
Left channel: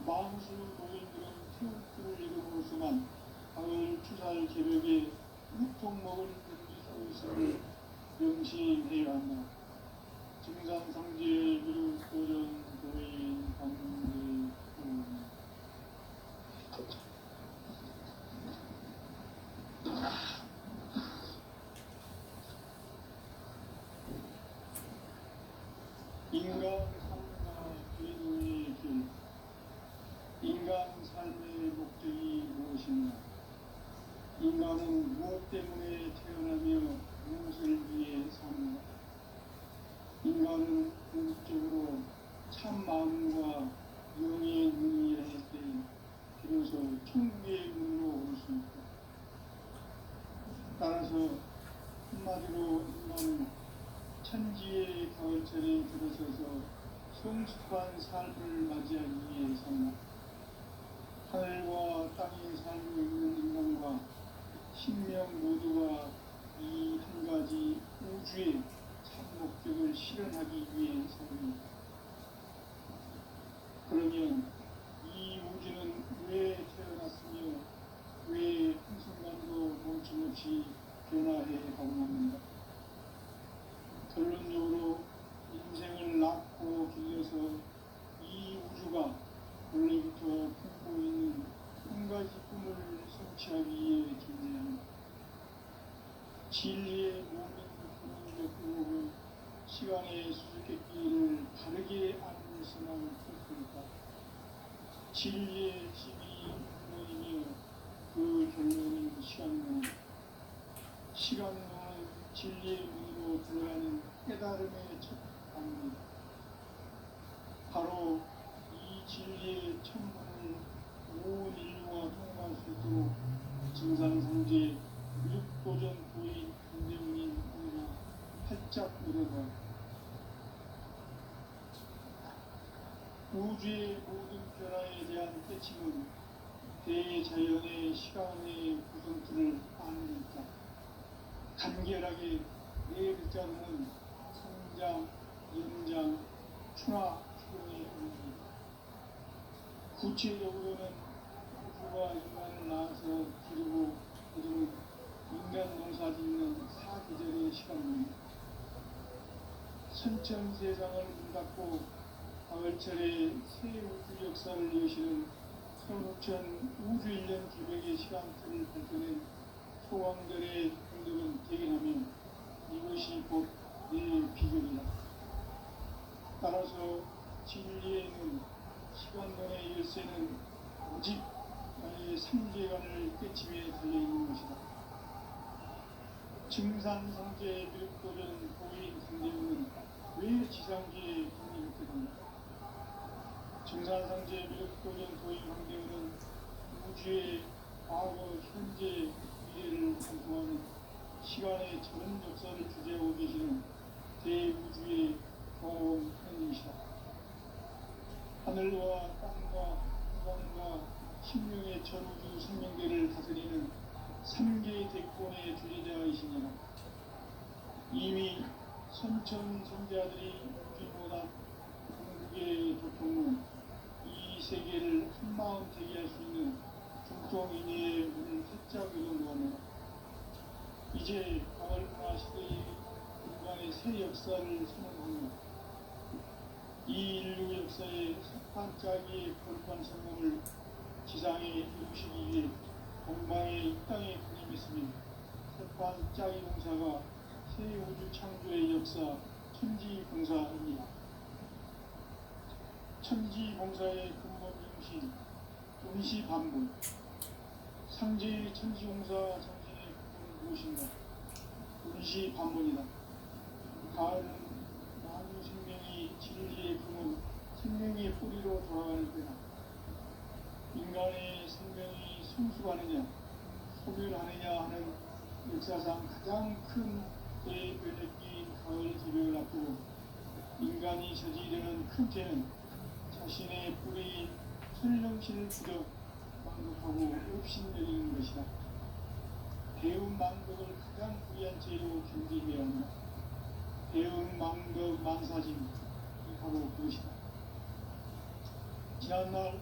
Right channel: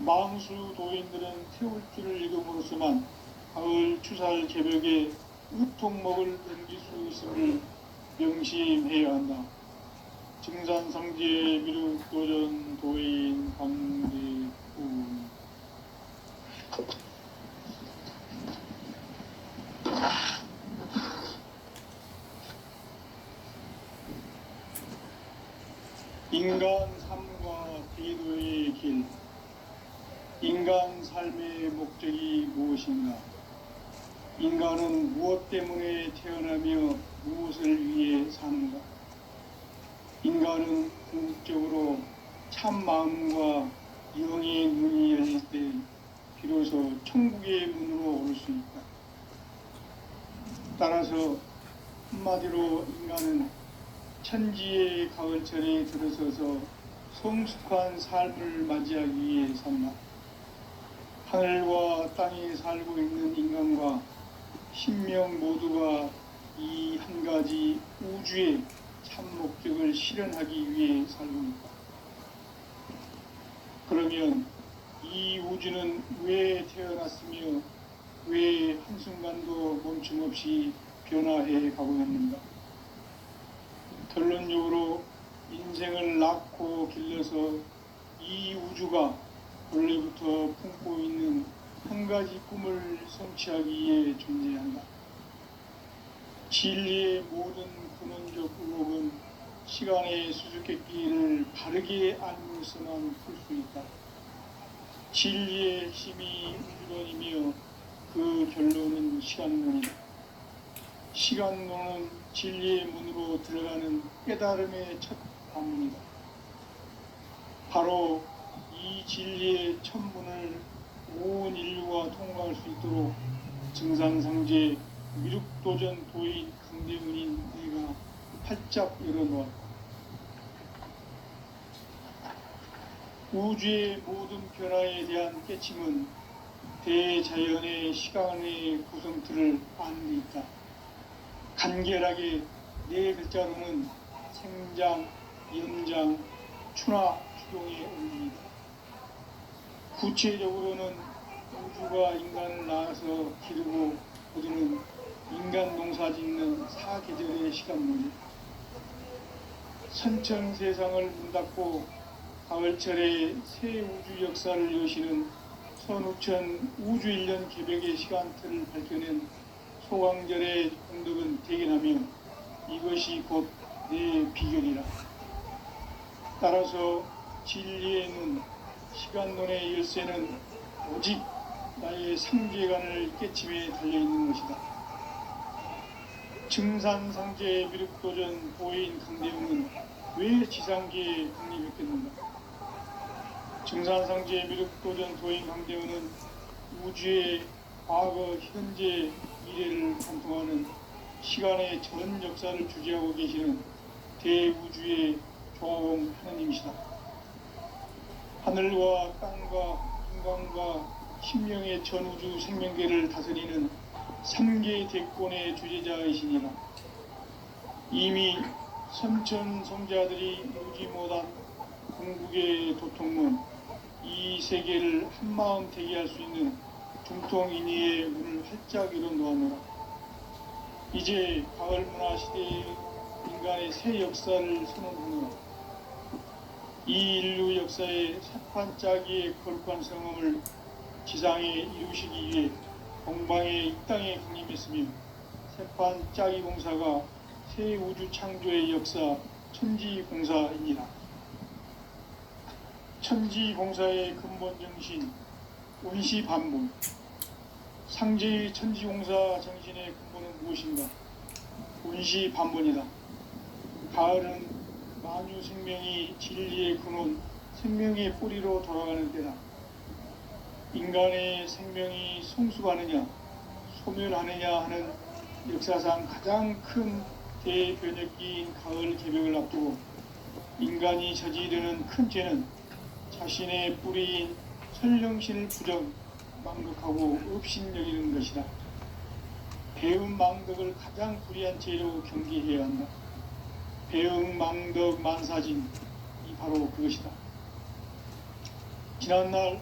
망수 도인들은 태울주를 읽음으로써만 가을 추살 개벽의 우통목을 넘길 수 있음을 명심해야 한다. 증산상제 미륵도전 도인 강대우. 인간 삶과 대도의 길. 인간 삶의 목적이 무엇인가? 인간은 무엇 때문에 태어나며 무엇을 위해 사는가? 인간은 궁극적으로 참 마음과 영의 문이 열릴 때 비로소 천국의 문으로 오를 수 있다. 따라서 한마디로 인간은 천지의 가을철에 들어서서 성숙한 삶을 맞이하기 위해 산다. 하늘과 땅에 살고 있는 인간과 신명 모두가 이 한 가지 우주의 참 목적을 실현하기 위해 살고 있다. 그러면 이 우주는 왜 태어났으며 왜 한순간도 멈춤없이 변화해 가고 있는가? 결론적으로 인생을 낳고 길러서 이 우주가 원래부터 품고 있는 한 가지 꿈을 성취하기 위해 존재한다. 진리의 모든 근원적 의혹은 시간의 수수께끼를 바르게 알고서만 풀 수 있다. 진리의 핵심이 우주론이며 그 결론은 시간론이다. 시간론은 진리의 문으로 들어가는 깨달음의 첫 관문이다. 바로 이 진리의 첫 문을 온 인류가 통과할 수 있도록 증산상제 미륵도전 도인 강대훈인 내가 활짝 열어놓았다. 우주의 모든 변화에 대한 깨침은 대자연의 시간의 구성틀을 아는 데 있다. 간결하게 네 글자로는 생장, 연장, 추나 추동의 의미이다. 구체적으로는 우주가 인간을 낳아서 기르고 거두는 인간 농사 짓는 사계절의 시간론이다. 선천 세상을 문 닫고 가을철에 새 우주 역사를 여시는 선우천 우주 1년 개벽의 시간틀을 밝혀낸 소강절의 공덕은 대견하며 이것이 곧 내 비결이라. 따라서 진리의 눈, 시간론의 열쇠는 오직 나의 삼계관을 깨침에 달려있는 것이다. 증산상제 미륵도전 보인 강대웅은 왜 지상계에 독립했겠는가? 증산상제 미륵도전 도인 강대웅은 우주의 과거, 현재, 미래를 관통하는 시간의 전 역사를 주재하고 계시는 대우주의 조화원 하나님이시다. 하늘과 땅과 인간과 신명의 전우주 생명계를 다스리는 3계 대권의 주재자이시니라. 이미 선천성자들이 누지 못한 궁극의 도통문, 이 세계를 한마음 대기할 수 있는 중통인의의 문을 활짝 열어놓았노라. 이제 가을 문화 시대의 인간의 새 역사를 선언하노라. 이 인류 역사의 사판짜기의 거룩한 성험을 지상에 이루시기 위해 동방의 이 땅에 강림했으며 세판짜기 공사가 새 우주 창조의 역사 천지공사입니다. 천지공사의 근본 정신 원시반복. 상제의 천지공사 정신의 근본은 무엇인가? 원시반복이다. 가을은 만유 생명이 진리의 근원, 생명의 뿌리로 돌아가는 때다. 인간의 생명이 성숙하느냐, 소멸하느냐 하는 역사상 가장 큰 대변혁기인 가을 개벽을 앞두고 인간이 저지르는 큰 죄는 자신의 뿌리인 선령신을 부정, 망덕하고 업신여기는 것이다. 배은 망덕을 가장 불의한 죄로 경계해야 한다. 배은 망덕 만사진이 바로 그것이다. 지난날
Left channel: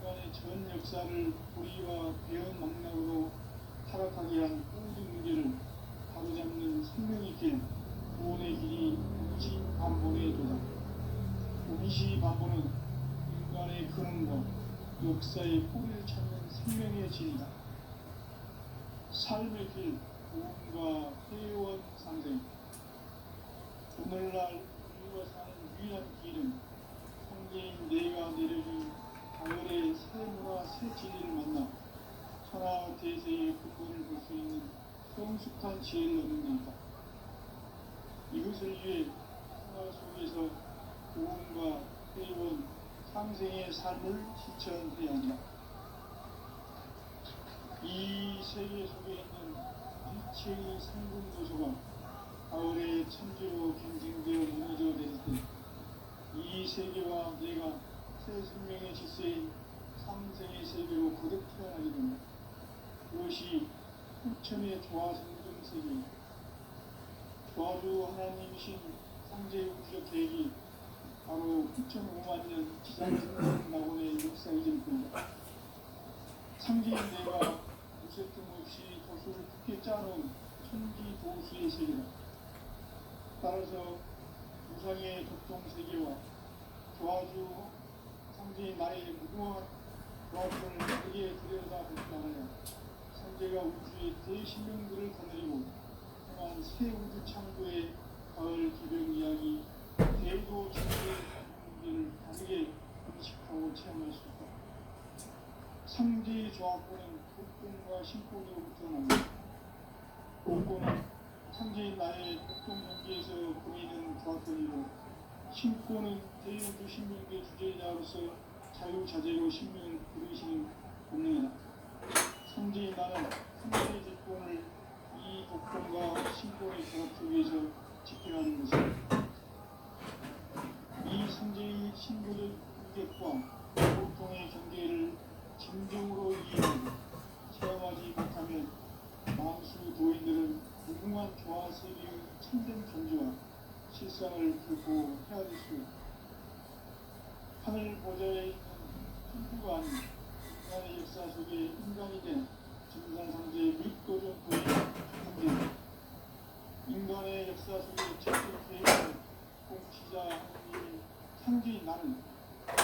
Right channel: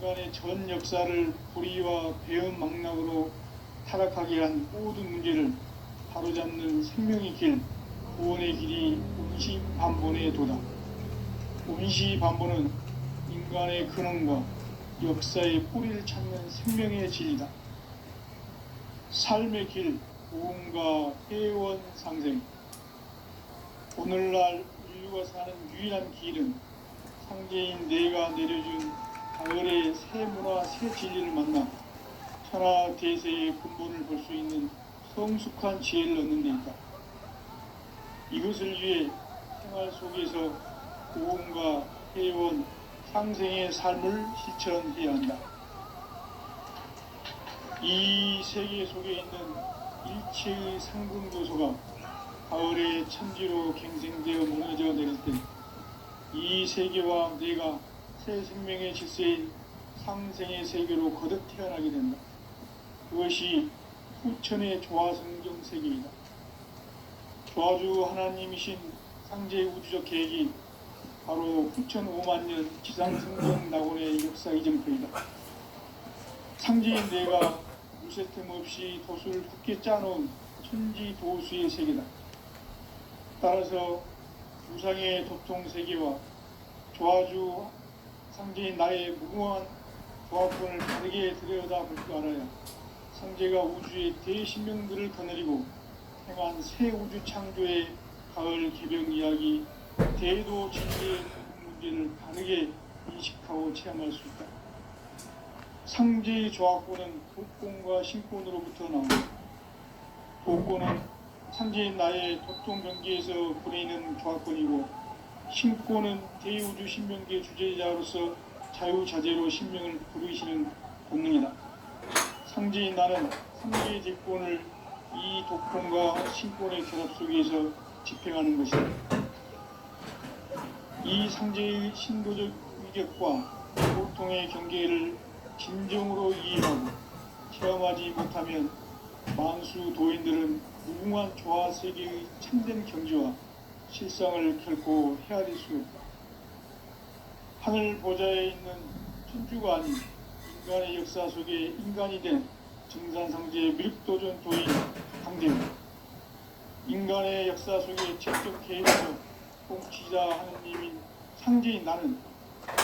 인간의 전 역사를 불의와 배은 망락으로 타락하게 한 모든 문제를 바로잡는 생명의 길, 구원의 길이 원시반본의 도다. 원시반본은 인간의 근원과 역사의 뿌리를 찾는 생명의 진리다. 삶의 길, 무언가 회원 상생. 오늘날 인류가 사는 유일한 길은 상제인 내가 내려준 가을의 새 문화, 새 진리를 만나 천하 대세의 근본을 볼 수 있는 성숙한 지혜를 얻는 데 있다. 이것을 위해 생활 속에서 고음과 회원, 상생의 삶을 실천해야 한다. 이 세계 속에 있는 일체의 상금 요소가 가을의 천지로 갱생되어 무너져 내릴 때 이 세계와 내가 새 생명의 질서인 상생의 세계로 거듭 태어나게 된다. 그것이 후천의 조화성경 세계이다. 조화주 하나님이신 상제 우주적 계획이 바로 후천 5만 년 지상생명 낙원의 역사 이전표이다. 상제인 내가 무쇠 틈 없이 돛을 굳게 짜놓은 천지 도수의 세계다. 따라서 우상의 도통 세계와 조화주 상제인 나의 무궁한 조합권을 다르게 들여다볼 줄 알아야 상제가 우주의 대신명들을 거느리고 행한 새 우주 창조의 가을 개벽 이야기 대도 진리의 문제를 다르게 인식하고 체험할 수 있다. 상제의 조합권은 독권과 신권으로부터 나온다. 독권은 상제인 나의 도통 경계에서 보내는 조합권이고, 신권은 대우주 신명계 주제자로서 자유자재로 신명을 부르시는 본능이다. 상제인 나는 상제의 대권을 이 독권과 신권의 결합 속에서 집행하는 것이다. 이 상제의 신도적 위력과 보통의 경계를 진정으로 이해하고 체험하지 못하면 만수 도인들은 무궁한 조화 세계의 참된 경지와 실상을 결코 헤아릴 수 없다. 하늘 보좌에 있는 천주가 아닌 인간의 역사 속에 인간이 된 정산상제의 밀도전 도인 강대입니다. 인간의 역사 속에 직접 개입하는 통치자 하느님인 상제인 나는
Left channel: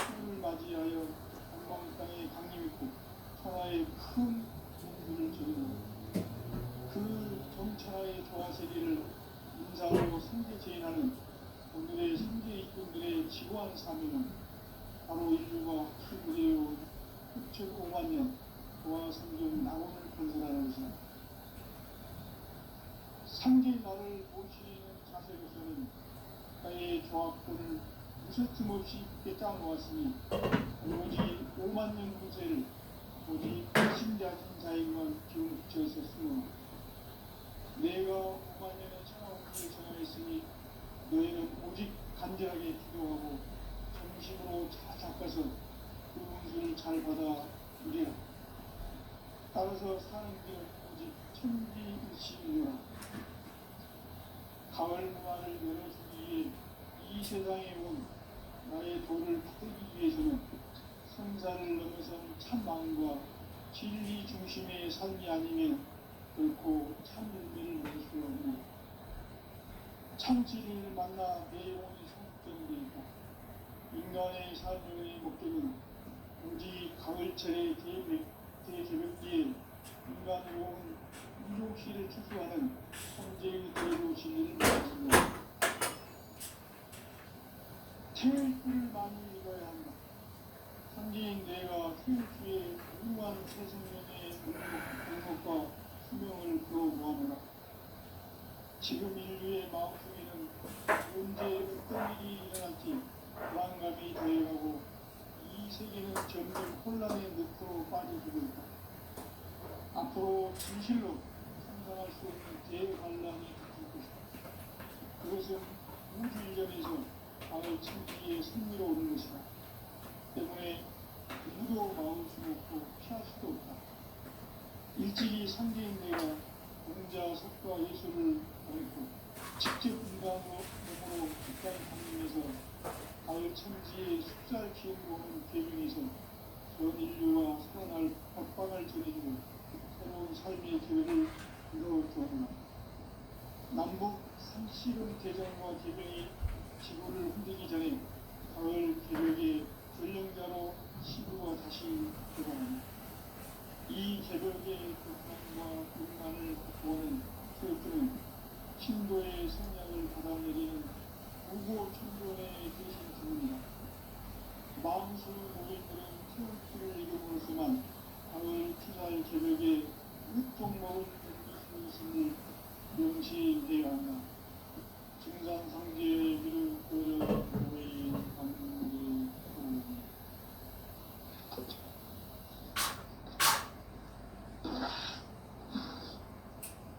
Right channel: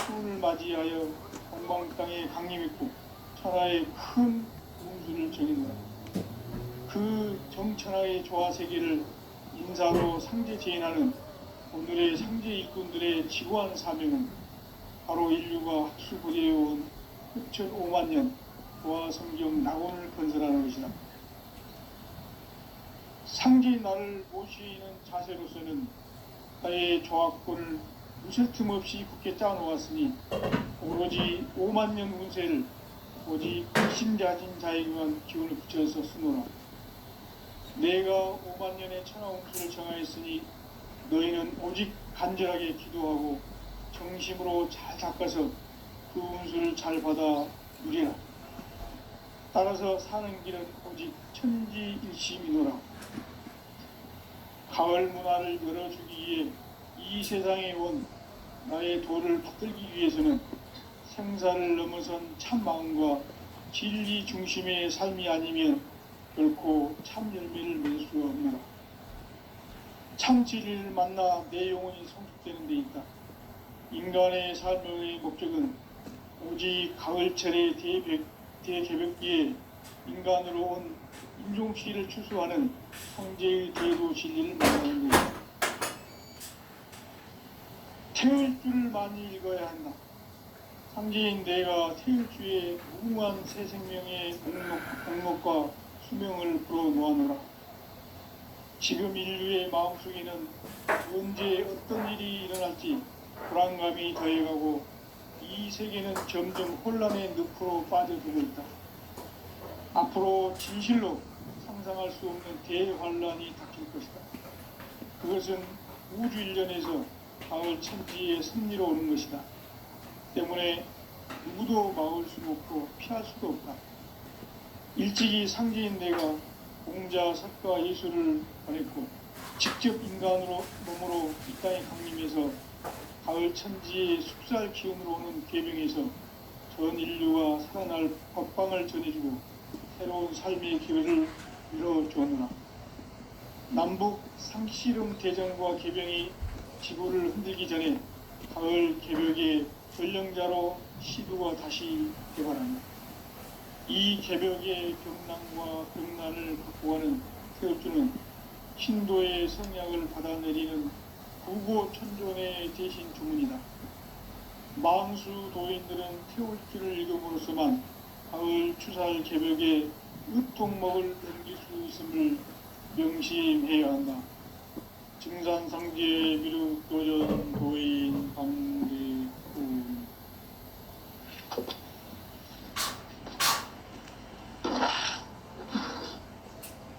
수운을 맞이하여 동방 땅에 강림했고 천하의 큰 공주를 정인다. 그 정천하의 조화 세계를 인사로 상제 제인하는 오늘의 상제 일꾼들의 지고한 사명은 바로 인류가 학수고대해온 후천 5만 년 조화 성경 낙원을 건설하는 것이다. 상제인 나를 모시는 자세로서는 나의 조합권을 무쇠 틈 없이 굳게 짜놓았으니 오로지 5만 년 운세를 오직 신자진 자에게만 기운을 붙여서 쓰노라. 내가 5만 년의 천하 운수를 정하였으니 너희는 오직 간절하게 기도하고 정심으로 잘 닦아서 그 운수를 잘 받아 누리라. 따라서 사는 길은 오직 천지일심이노라. 가을 문화를 열어주기 위해 이 세상에 온 나의 도를 받들기 위해서는 생사를 넘어선 참 마음과 진리 중심의 삶이 아니면 결코 참 열매를 맺을 수 없노라. 참 진리를 만나 내 영혼이 성숙되는 데 있다. 인간의 삶의 목적은 오직 가을철의 대개벽기에 인간으로 온 인종시를 추수하는 황제의 대도 진리를 말하는 것이다. 태울 줄을 많이 읽어야 한다. 상제인 내가 태울 주의 무궁한 새 생명의 목록과 수명을 불어놓아노라. 지금 인류의 마음속에는 언제 어떤 일이 일어날지 불안감이 더해가고 이 세계는 점점 혼란의 늪으로 빠져들고 있다. 앞으로 진실로 상상할 수 없는 대환란이 닥칠 것이다. 그것은 우주 일련에서 가을 천지의 승리로 오는 것이다. 때문에 누구도 막을 수도 없고 피할 수도 없다. 일찍이 상제인 내가 공자, 석가, 예수를 보냈고 직접 인간으로 몸으로 이 땅에 강림해서 가을 천지의 숙살 기운으로 오는 계명에서 전 인류가 살아날 법방을 전해주고 새로운 삶의 기회를 이뤄주었노라. 남북 상씨름 대전과 개병이 지구를 흔들기 전에 가을 개벽의 전령자로 시두가 다시 개발한다. 이 개벽의 경난과 극난을 극복하는 태울주는 신도의 성약을 받아내리는 구고천존의 대신 주문이다. 망수 도인들은 태울주를 읽음으로써만 가을 추살 개벽의 으통먹을 넘길 수 있음을 명심해야 한다. 증산상계 미륵 도전 도인